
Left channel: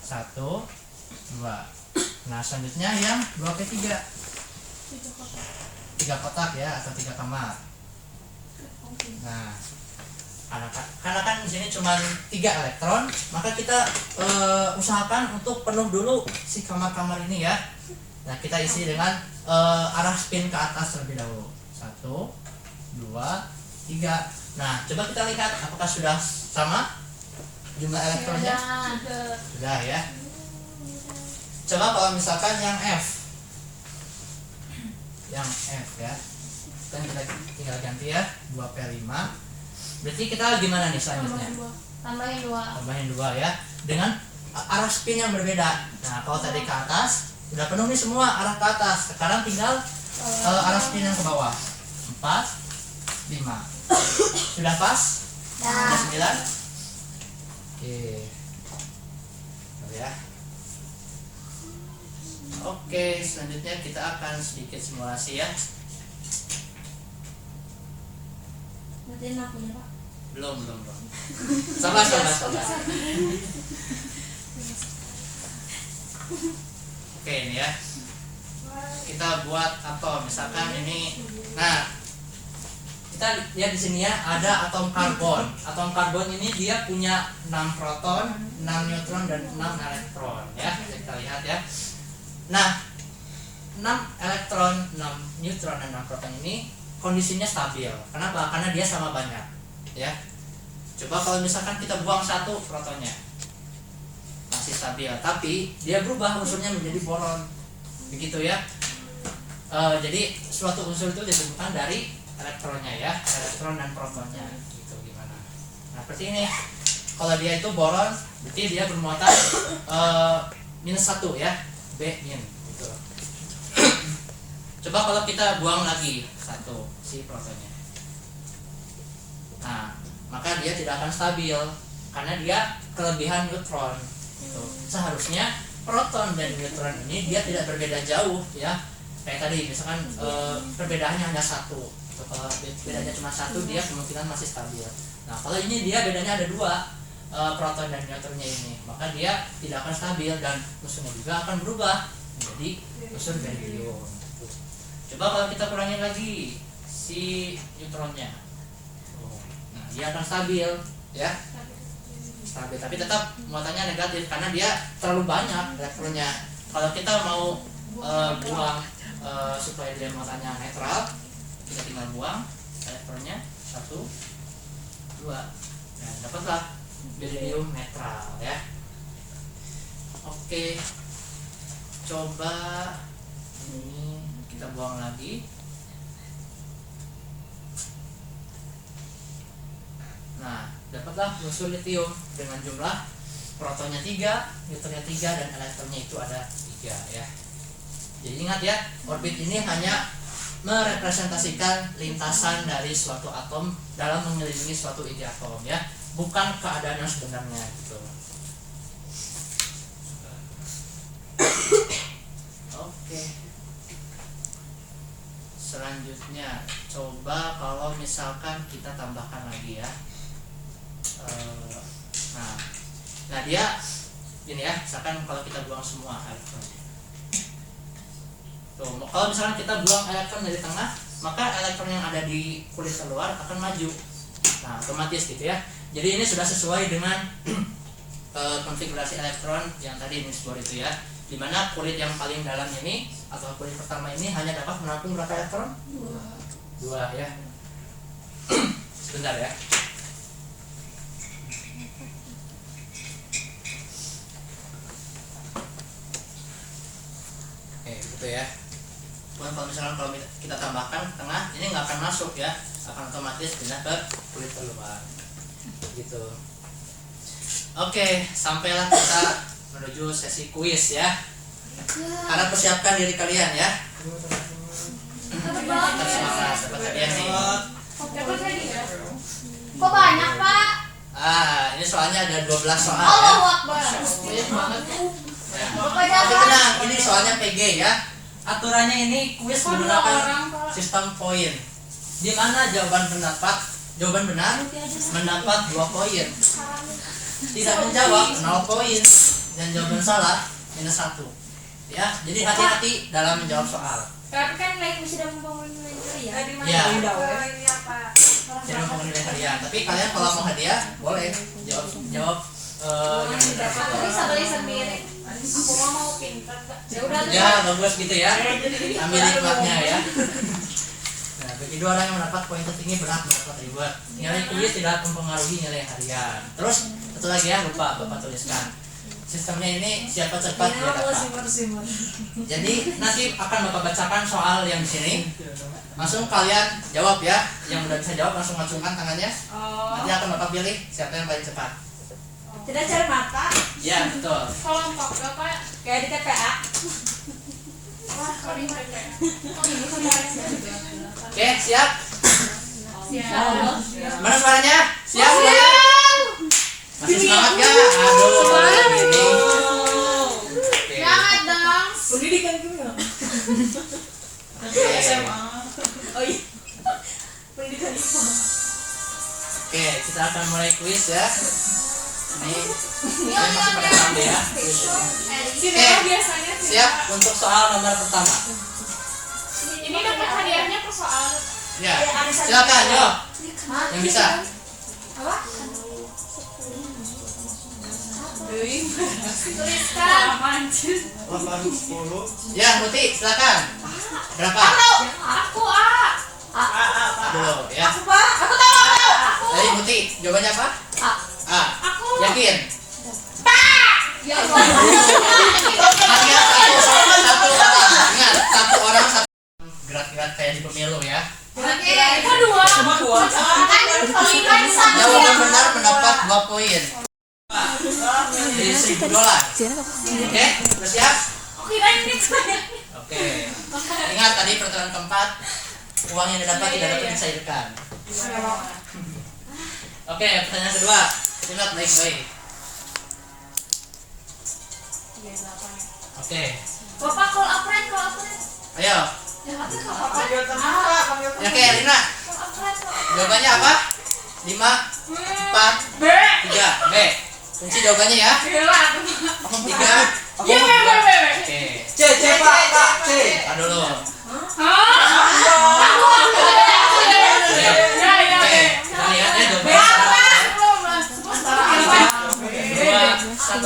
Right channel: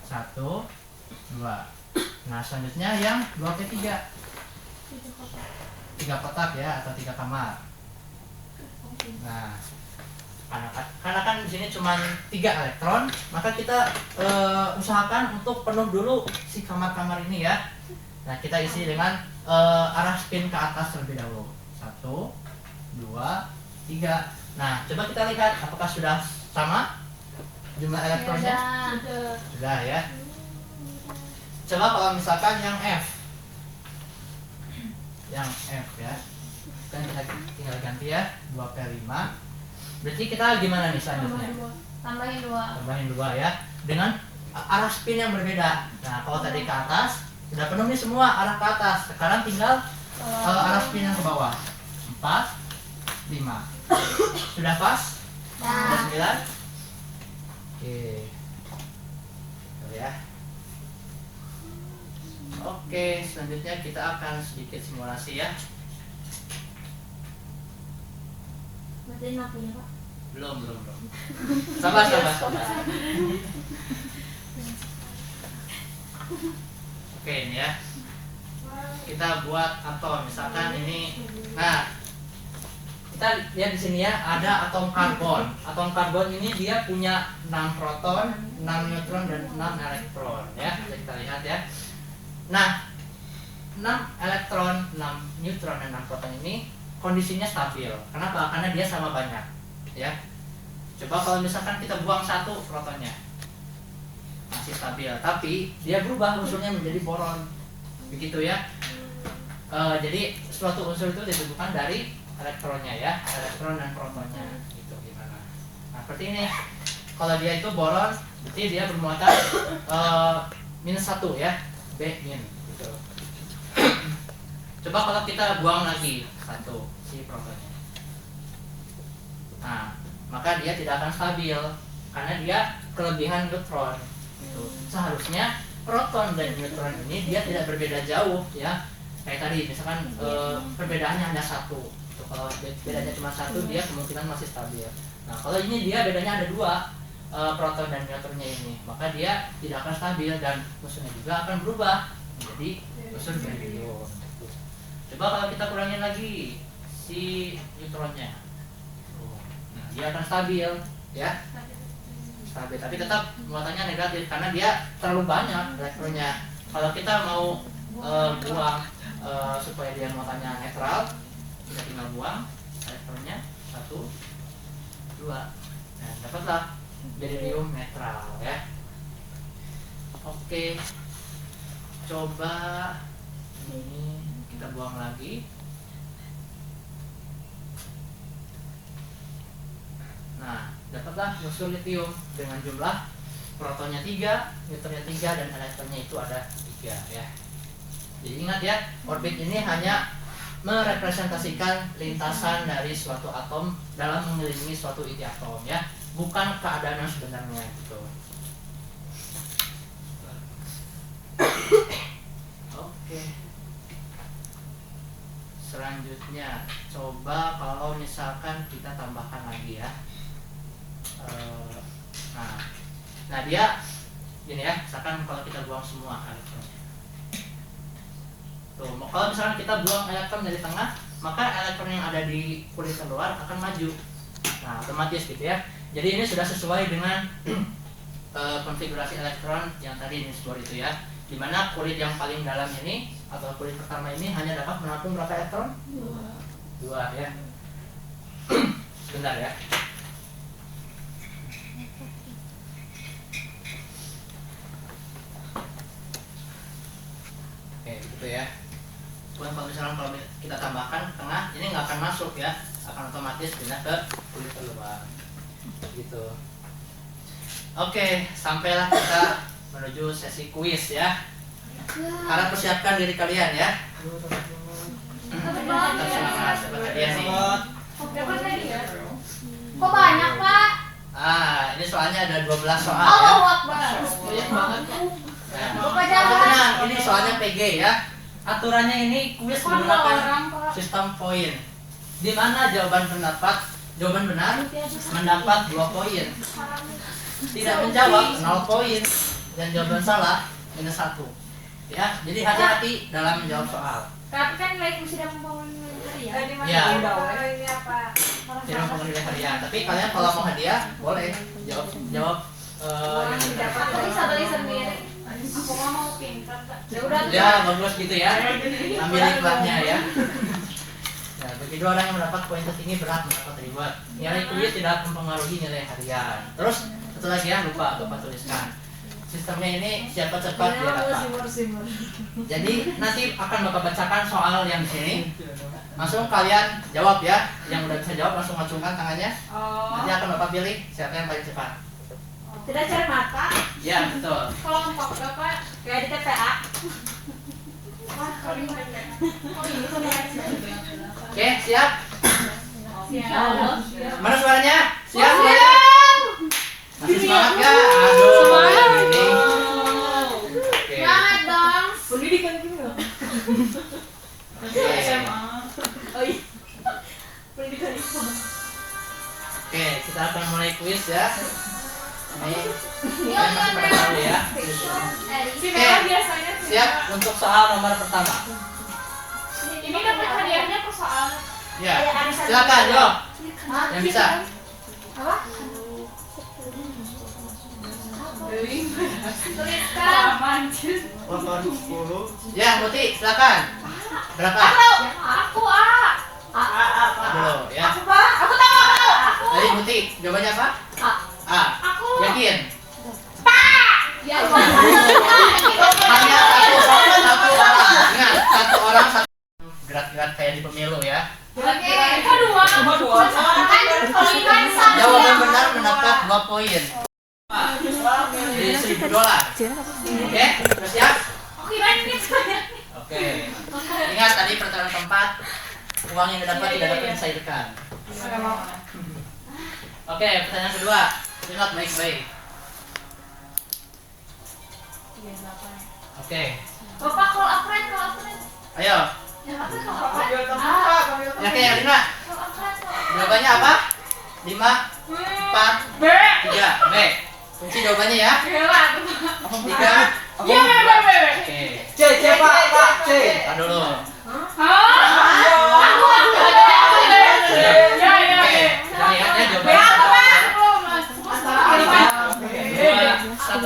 1, 2. Nah, selanjutnya yang 2P3. 3 kotak ya, atau 3 kamar. Nah, karena kan di sini cuma 3 elektron, maka kita usahakan untuk penuh dulu si kamar-kamar ini ya. Nah, kita isi dengan arah spin ke atas terlebih dahulu. 1, 2, 3. Nah, coba kita lihat apakah sudah sama jumlah elektronnya. Sudah ya. Coba kalau misalkan yang F. Yang F ya. Kan kita tinggal ganti ya, 2P5. Berarti kita gimana nih selanjutnya? Tambahin 2. Tambahin 2 ya. Dengan arah spin yang berbeda. Nah, kalau tadi ke atas sudah penuh nih semua arah ke atas. Sekarang tinggal arah spin yang ke bawah. 4, 5. Sudah pas? Sudah 9? Oke. Ya. Oke, selanjutnya kita akan sedikit simulasi ya. Berarti aku ya, Pak. Belum. Sabar. Oke, ini ya. Kita buat atom, misalkan ini. Nah, kita lihat di sini ya, ada atom karbon. Atom karbon ini dia punya 6 proton, 6 neutron dan 6 elektron ya. Kita lihat ya. Nah, 6 elektron, 6 neutron dan 6 proton ini kondisinya stabil. Kenapa? Karena dia sama banyak ya. Coba kalau misalkan kita buang 1 protonnya, masih stabil, tapi dia berubah unsurnya menjadi boron, begitu ya. Jadi suatu unsur itu ditentukan dari elektronnya ya, elektron dan protonnya gitu. Gimana? Nah, seperti ini. Kalau dia itu boron, berarti dia bermuatan -1 ya, B- gitu. Coba kalau kita buang lagi 1 si protonnya. Nah, maka dia tidak akan stabil karena dia kelebihan neutron gitu. Seharusnya proton dan neutron ini dia tidak berbeda jauh ya. Kayak tadi misalkan perbedaannya hanya 1. Kalau bedanya cuma 1, dia kemungkinan masih stabil. Nah, kalau ini dia bedanya ada 2 proton dan neutronnya ini, maka dia tidak akan stabil dan unsurnya juga akan berubah menjadi unsur berium. Coba kalau kita kurangin lagi si neutronnya, nah dia akan stabil ya, stabil, tapi tetap muatannya negatif karena dia terlalu banyak elektronnya. Kalau kita mau buang supaya dia muatannya netral, kita tinggal buang elektronnya 1, 2, nah dapatlah berium netral ya. Oke, coba ini kita buang lagi. Nah, dapatlah unsur litium dengan jumlah protonnya 3, neutronnya 3 dan elektronnya itu ada 3 ya. Jadi ingat ya, orbit ini hanya merepresentasikan lintasan dari suatu atom dalam mengelilingi suatu inti atom ya, bukan keadaan yang sebenarnya gitu. Oke. Selanjutnya coba kalau misalkan kita tambahkan lagi ya. Nah dia gini ya, misalkan kalau kita buang semua elektronnya. Tuh, kalau misalkan kita buang elektron dari tengah, maka elektron yang ada di kulit luar akan maju. Nah, otomatis gitu ya. Jadi ini sudah sesuai dengan konfigurasi elektron yang tadi Niels Bohr itu ya. Dimana kulit yang paling dalam ini atau kulit pertama ini hanya dapat menampung berapa elektron? 2 ya. Sebentar ya. Oke, gitu ya. Kalau misalkan kalau kita tambahkan ke tengah, ini nggak akan masuk ya. akan otomatis pindah ke kulit terluar. Gitu. Oke, sampailah kita menuju sesi kuis ya. Harap persiapkan diri kalian ya. Kita semangat dapat hadiah nih. Dapat hadiah. Kok banyak, Pak? Ini soalnya ada 12 soal ya. Allahu Akbar. Banyak banget. Ya. Bapak Tapi jangan. tenang, ini soalnya PG ya. Aturannya ini kuis Kok 2 menggunakan orang, Pak? sistem poin. Di mana jawaban benar mendapat 2 poin. Tidak menjawab 0 poin dan jawaban salah minus 1. Ya, jadi hati-hati dalam menjawab soal. Tapi kan nilai kuis sudah membangun nilai hadiah. Tadi mah Ya. udah ini apa? Tidak mempengaruhi hadiah. Tapi kalian kalau mau hadiah boleh jawab yang benar. Aku bisa beli sendiri. Aku nggak mau pintar, Pak. Ya udah. Ya, bagus gitu ya. Ambil hikmahnya ya. Nah, bagi 2 orang yang mendapat poin tertinggi berhak mendapat reward. Nilai kuis tidak mempengaruhi nilai harian. Terus satu lagi ya, lupa Bapak tuliskan. Sistemnya ini siapa cepat dia dapat. Jadi nanti akan Bapak bacakan soal yang di sini. Langsung kalian jawab ya. Yang udah bisa jawab langsung acungkan tangannya. Nanti akan Bapak pilih siapa yang paling cepat. Tidak cermata. Ya, betul. Kelompok Bapak Kayak di TPA. kami PPA. Oke, siap? Siap. Mana suaranya? Siap semuanya? Masih semangat ya? Aduh, ini. Oke. Semangat dong. Pendidikan gimana? Oke. Oh iya. Pendidikan itu. Oke, kita akan mulai kuis ya. Ini kalian masih pada tahu ya. Si Mela biasanya sih. Siap untuk soal nomor pertama. Ini dapat hadiahnya per soal. Ya, silakan yo. Yang bisa. Apa? Tuliskan. Ya, Muti, silakan. Berapa? Aku A. Dulu ya. Aku Pak. Aku tahu. Dari Muti, jawabannya apa? A. Aku. Yakin? Ya. Hanya satu orang. Ingat, satu orang satu gerak-gerak kayak di pemilu ya. Oke. Kedua. Cuma 2. Jawaban benar mendapat 2 poin. Jadi $1.000. Oke, sudah siap? Aku kirain ini banyak. Oke. Ingat tadi peraturan keempat, uang yang didapat tidak dapat dicairkan. Oke, pertanyaan kedua. Simak baik-baik. Oke. Bapak call a friend. Ayo. Ya, apa call a friend? Komputer buka, komputer. Ya, oke, Rina. Call a friend. Jawabannya apa? 5, 4, B. 3. B. Kunci jawabannya ya. Gila. 3. Ya, B. Oke. C Pak. C. Tar dulu. Hah? Aku. Ya. Ya. Oke. Kita lihat ya jawabannya. 2, 1.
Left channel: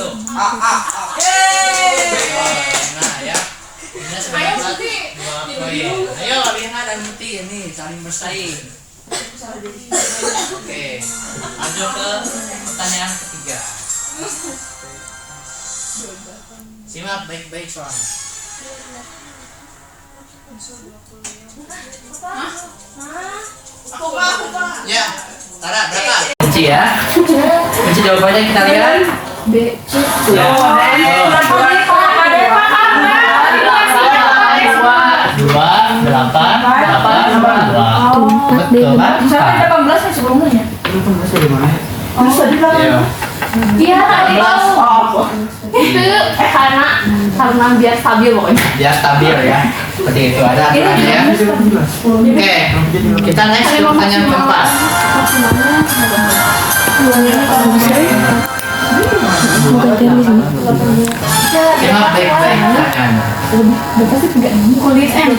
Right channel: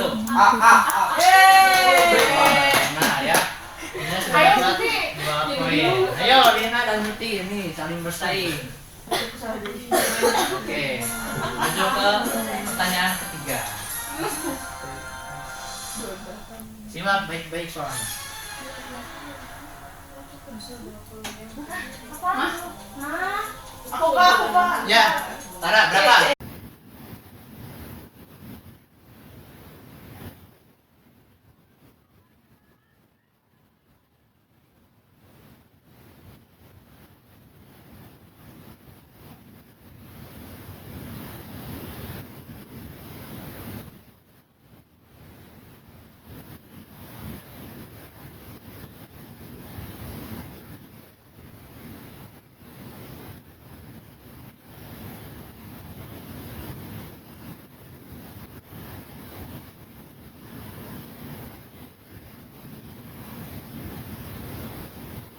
Nah, ya. Ini sudah Ayo, dapat Muti. 2 poin. Ayo, Rina dan Muti ini saling bersaing. Oke. Maju ke pertanyaan ketiga. Simak baik-baik soalnya. Aku Pak. Ya, Tara berapa? Kunci ya. Kunci jawabannya kita lihat. B. Ya. Dua, 8, 2. Betul kan? Misalnya 18 kan sebelumnya. Iya. Iya, tahu. Itu karena biar stabil pokoknya. Biar stabil ya. Seperti itu ada aturannya ya. Oke, kita next ke pertanyaan keempat. Simak baik-baik pertanyaannya. Kulit M.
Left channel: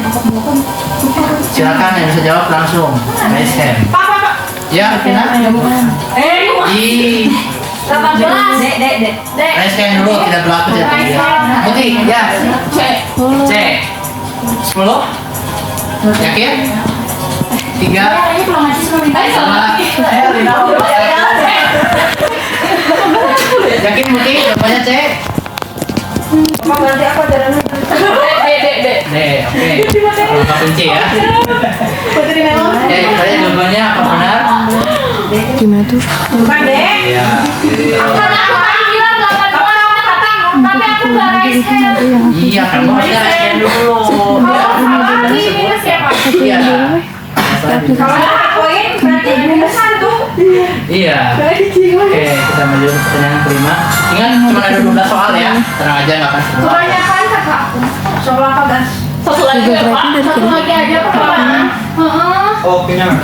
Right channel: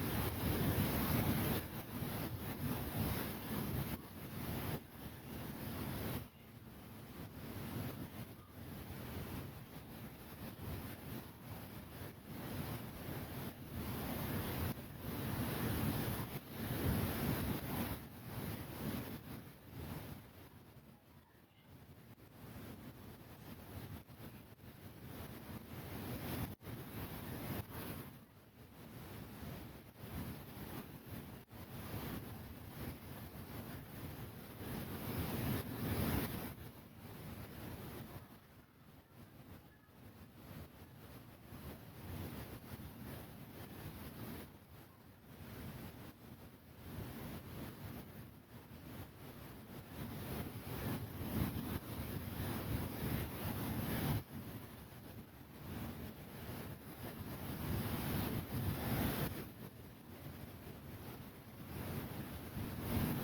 Silakan yang bisa jawab langsung. Raise hand. Ya, Vina. Ih, 18. Dek. raise hand dulu tidak berlaku ya. Putih, ya. C. 10. Yakin? 3. Ini pulang aja sebelum Yakin Putih? Jawabannya C. berarti apa jalannya? D. Oke. Angka kunci ya. Putri Melon. Oke, kalian jawabannya apa benar? Gimana tuh? Bukan deh. Iya. Karena aku tadi bilang 82 tapi aku nggak raise hand. Iya, kamu harusnya scan dulu. Ya, Ini siapa? iya. Kalau ada poin berarti minus 1. Iya. Oke, kita menuju ke pertanyaan kelima. Ingat cuma ada 12 soal ya. Tenang aja nggak akan semua. Kebanyakan kakak. Soal apa, Gas? Satu lagi ya Pak. Satu lagi aja Pak. Oh, kenyang.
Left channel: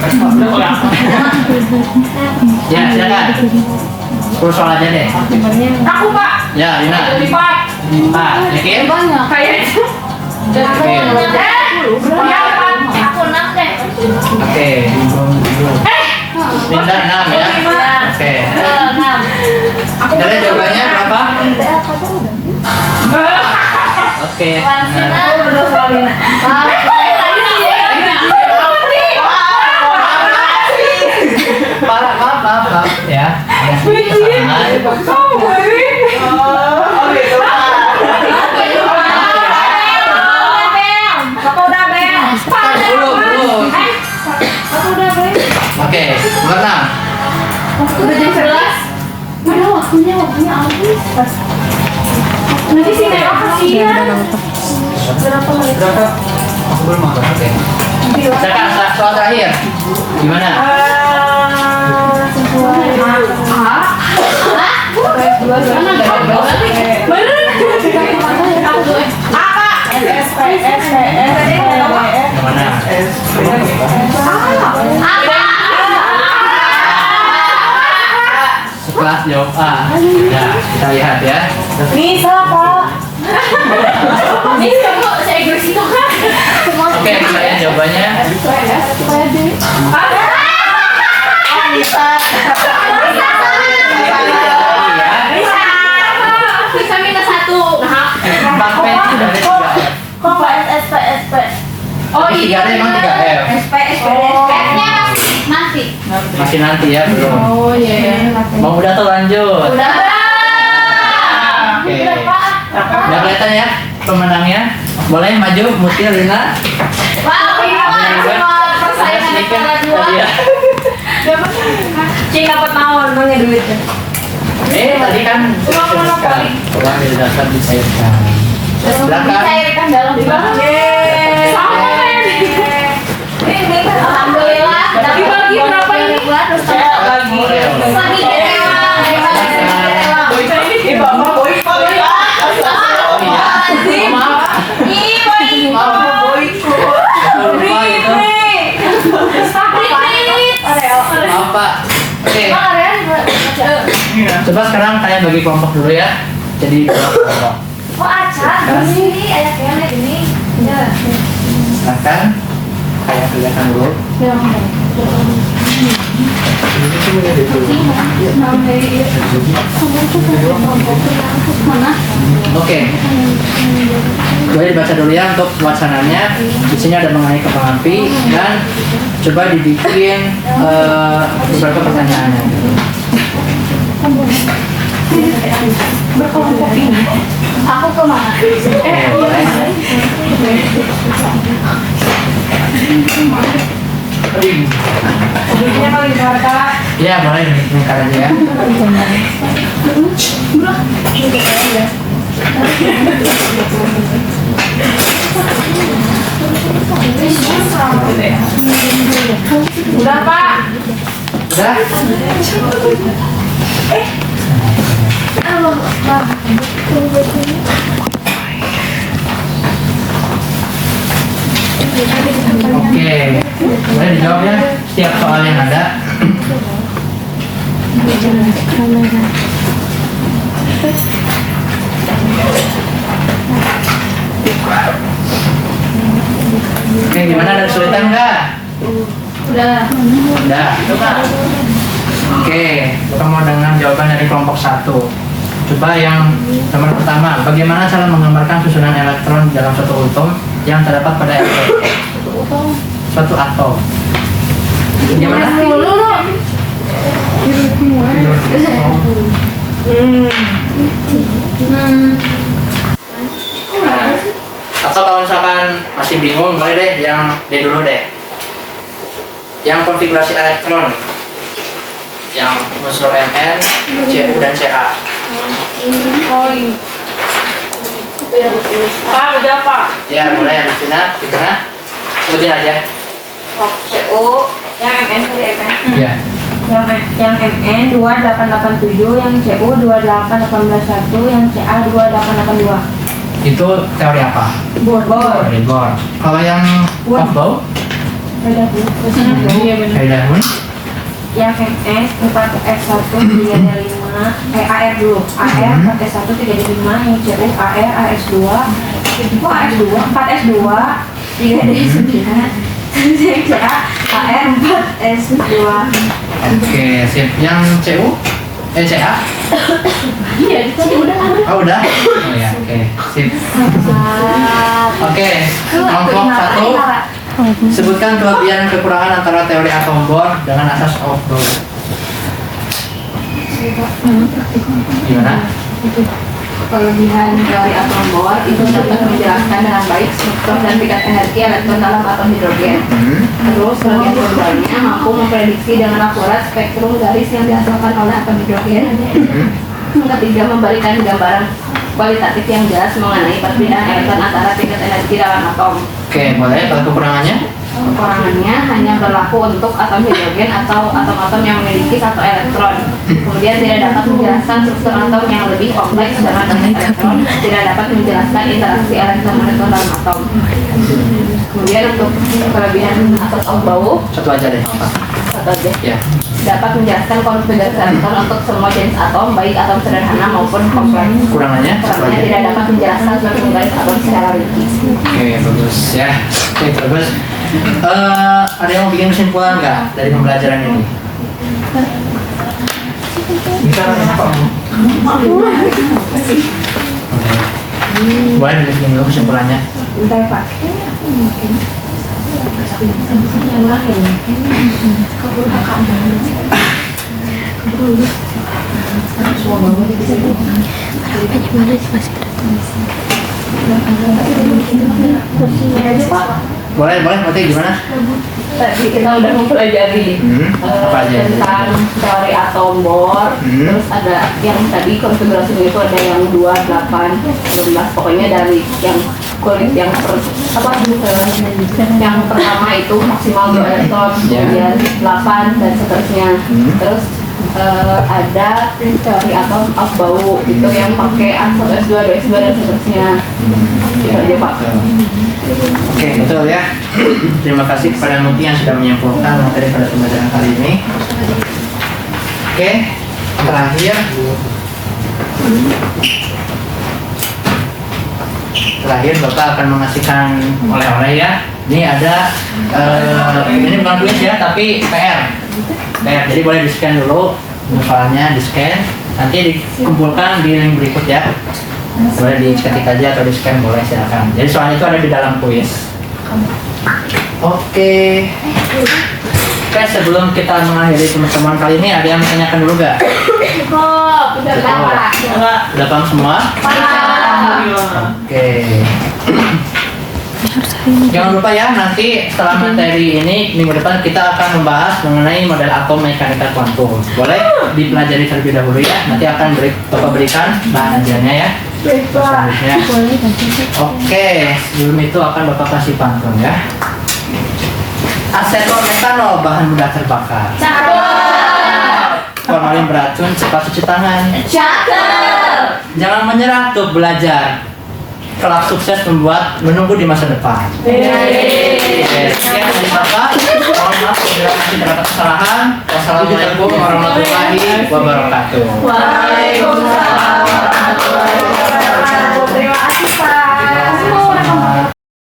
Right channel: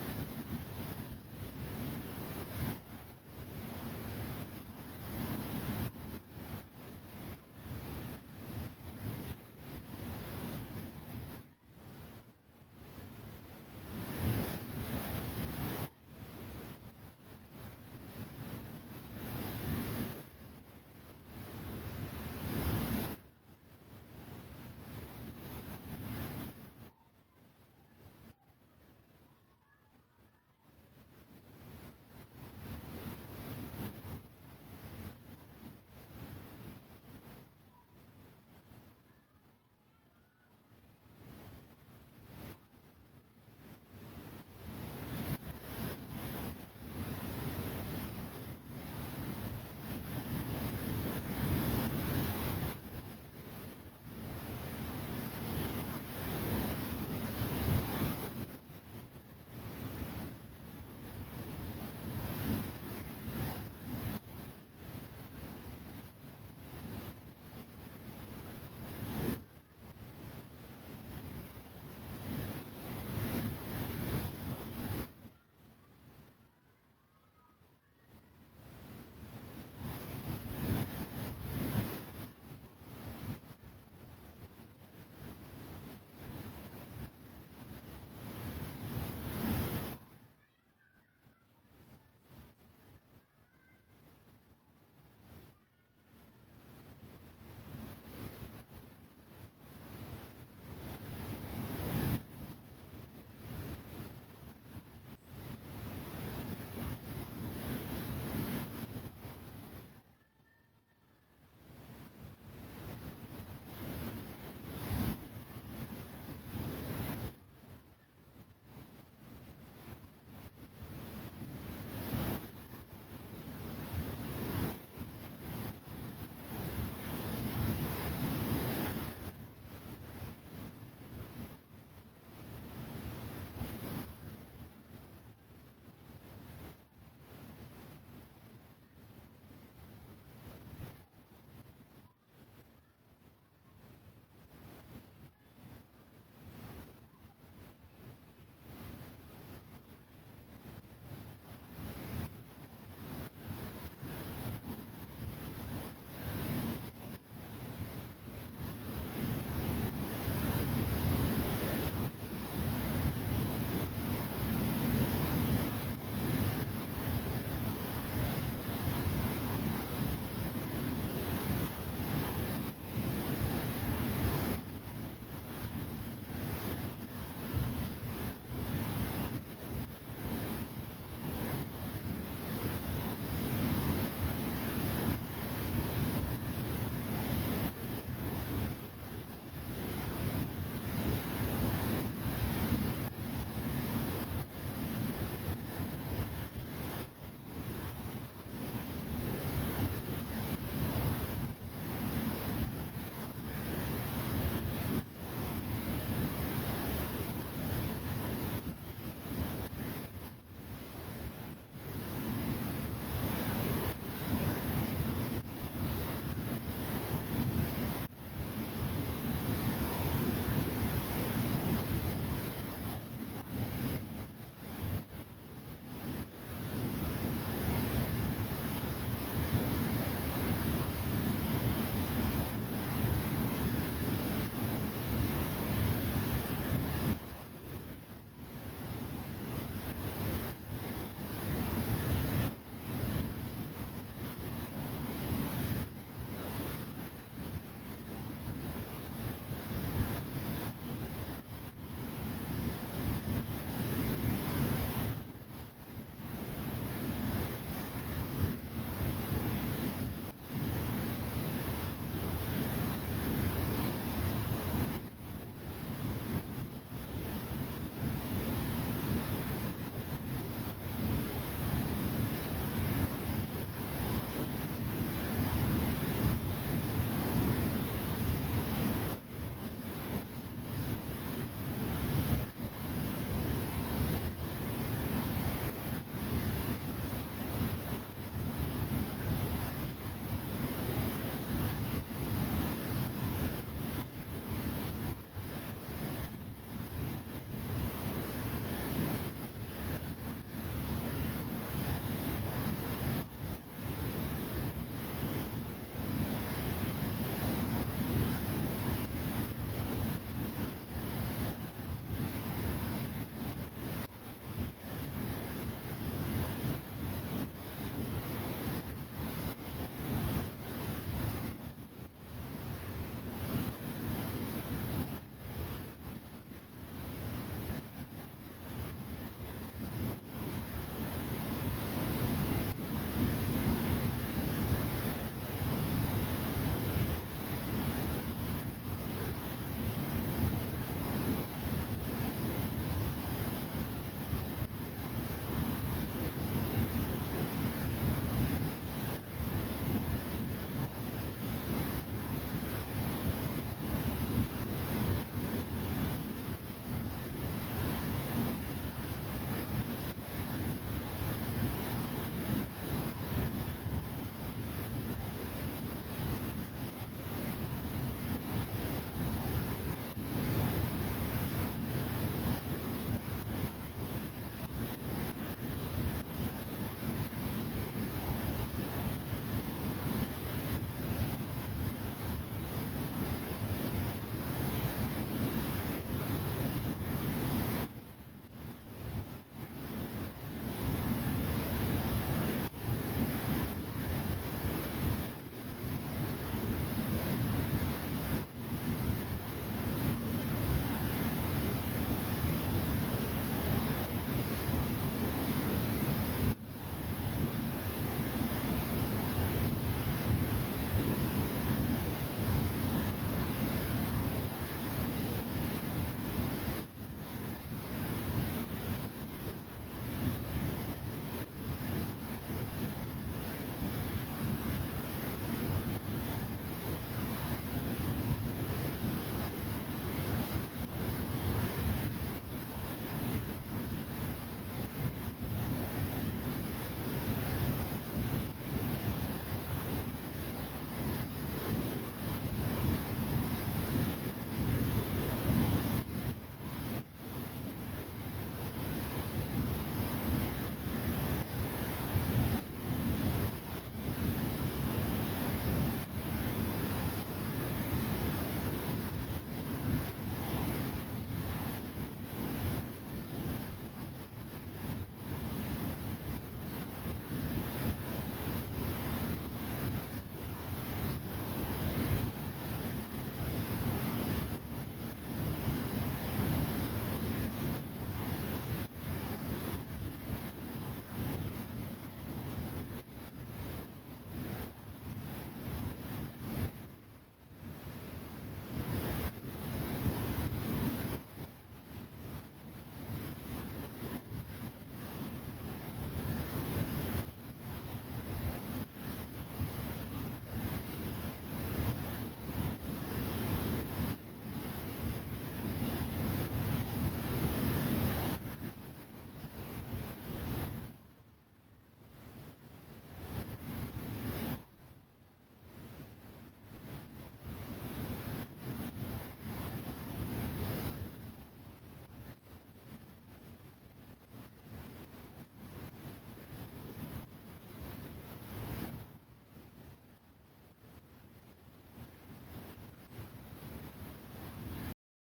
Ya, silakan. 10 soal aja deh. Aku Pak. Ya, Lina. 4. Yakin? Kayaknya. Ya Pak. Aku 6 deh. Oke. Linda 6 ya. Oke. 6. Kalian jawabannya berapa? Oke. Benar. Betul soal Lina. Maaf ya. Ada sedikit kesalahan. Belum. Oke, nomor 6. Udah jam 11. Udah waktunya habis. Nanti sih nengok kasihan. Berapa? Aku belum makan. Oke. Sekarang soal terakhir. Gimana? Gimana? Setelah jawab A. Ya, kita lihat ya. Bisa, Pak. Ini kamu saya Inggris itu kan? Oke, kalian jawabannya. Bisa minus 1. Nah, 4P dari 3F. kok nggak SP? Oh Tapi iya. 3 emang 3F. F-nya nanti. Masih nanti ya, belum. Oh iya. Mau udah tuh lanjut. Udah. Oke. Udah Pak. Udah kelihatan ya pemenangnya. Boleh maju Mutia Lina. Wah, semua persaingan antara dua. Iya. Cing dapat naon namanya duitnya. Tadi kan Uang monopoli. uang dari dasar dicairkan. Belakang. Dicairkan dalam banget. Sama kan? Alhamdulillah. Dibagi berapa ini? Terus Lagi. lagi Ini Bapak boykot ya. Oh iya. Maaf. Maaf. Lupa itu. Maaf Pak. Oke. Coba sekarang kalian bagi kelompok dulu ya. Jadi dua kelompok. Kok acak? Ini ayah kayaknya gini. Ya. Silakan. Kayak kelihatan dulu. Oke. Boleh dibaca dulu ya untuk wacananya. Di sini ada mengenai kembang api dan coba dibikin beberapa pertanyaannya. Aku kemana? Boleh. Duitnya kali Jakarta. Iya boleh dibuka aja ya. Udah, Pak. Udah. Oke, boleh dijawab ya setiap soal yang ada. Oke, gimana, ada kesulitan nggak? Udah. Udah. Oke, kita mau dengar jawaban dari kelompok 1. Coba yang nomor pertama, bagaimana cara menggambarkan susunan elektron dalam suatu atom yang terdapat pada suatu atom? Gimana? Atau kalau misalkan masih bingung, boleh deh yang D dulu deh. yang konfigurasi elektron yang unsur Mn, Cu dan Ca. Pak, udah Pak. Ya, mulai di sini, di tengah. Sebutin aja. CO yang MN tadi ya kan? Ya. Yang MN 2887, yang CO 28181, yang CA 2882. Itu teori apa? Bohr. Teori Bohr. Kalau yang Aufbau? Heidelberg. Yang MN 4S1 3D5, AR dulu. AR 4S1 3D5, yang CO AR AS2. Oh AS2, 4S2 3D9. Yang CA AR 4S2. Oke, sip. Yang Cu? Ca? Iya, tadi udah. Oh, udah? Oh ya, oke. Sip. Oke, kelompok 1. Sebutkan kelebihan dan kekurangan antara teori atom Bohr dengan asas Aufbau. Gimana? Kelebihan teori atom Bohr itu dapat menjelaskan dengan baik struktur dan tingkat energi elektron dalam atom hidrogen. Terus kelebihan keduanya mampu memprediksi dengan akurat spektrum garis yang dihasilkan oleh atom hidrogen. Yang ketiga memberikan gambaran kualitatif yang jelas mengenai perbedaan elektron antara tingkat energi dalam atom. Oke, boleh. Kalau kekurangannya? Kekurangannya hanya berlaku untuk atom hidrogen atau atom-atom yang memiliki satu elektron. Kemudian tidak dapat menjelaskan struktur atom yang lebih kompleks dengan banyak elektron. Tidak dapat menjelaskan interaksi elektron-elektron dalam atom. Kemudian untuk kelebihan asas Aufbau, Satu aja deh. Apa? satu aja. Ya. Dapat menjelaskan konfigurasi elektron untuk semua jenis atom, baik atom sederhana maupun kompleks. Kekurangannya? Satu Kekurangannya aja. tidak dapat menjelaskan struktur garis atom secara rinci. Oke, bagus ya. Oke, bagus. Ada yang mau bikin kesimpulan nggak dari pembelajaran ini? Bisa apa? Boleh bikin dulu kesimpulannya. Bentar Pak. Yang lain. Boleh, berarti gimana? Tadi kita udah mempelajari Apa aja? tentang teori atom Bohr. Terus ada yang tadi konfigurasinya itu ada yang 2, 8, 16. Pokoknya dari yang kulit yang yang pertama itu maksimal 2 elektron, kemudian 8 dan seterusnya. Terus ada teori atom Aufbau itu yang pakai asal S2, 2S2 dan seterusnya. Itu aja Pak. Oke, betul ya. Terima kasih kepada Muti yang sudah menyimpulkan materi pada pembelajaran kali ini. Oke, terakhir Bapak akan mengasihkan oleh-oleh ya. Ini ada ini bukan tulis ya, tapi PR. Jadi boleh di-scan dulu filenya, di-scan. Nanti dikumpulkan di link berikut ya. Boleh diketik aja atau di-scan, boleh silakan. Jadi soalnya itu ada di dalam kuis. Oke, sebelum kita mengakhiri teman-teman kali ini, ada yang menanyakan dulu gak? Cukup, udah Pak. Udah paham semua? Oke. Jangan lupa ya, nanti setelah materi ini minggu depan kita akan membahas mengenai model atom mekanika kuantum. Boleh dipelajari terlebih dahulu ya. Nanti akan Bapak berikan bahan ajarnya ya. Selanjutnya. Oke, sebelum itu akan Bapak kasih pantun ya. Aseton metanol bahan mudah terbakar. Formalin beracun, cepat cuci tangan. Jangan menyerah untuk belajar. Kelak sukses menunggu di masa depan. Sekian dari Bapak. Mohon maaf bila masih terdapat kesalahan. Wassalamualaikum warahmatullahi wabarakatuh. Waalaikumsalam.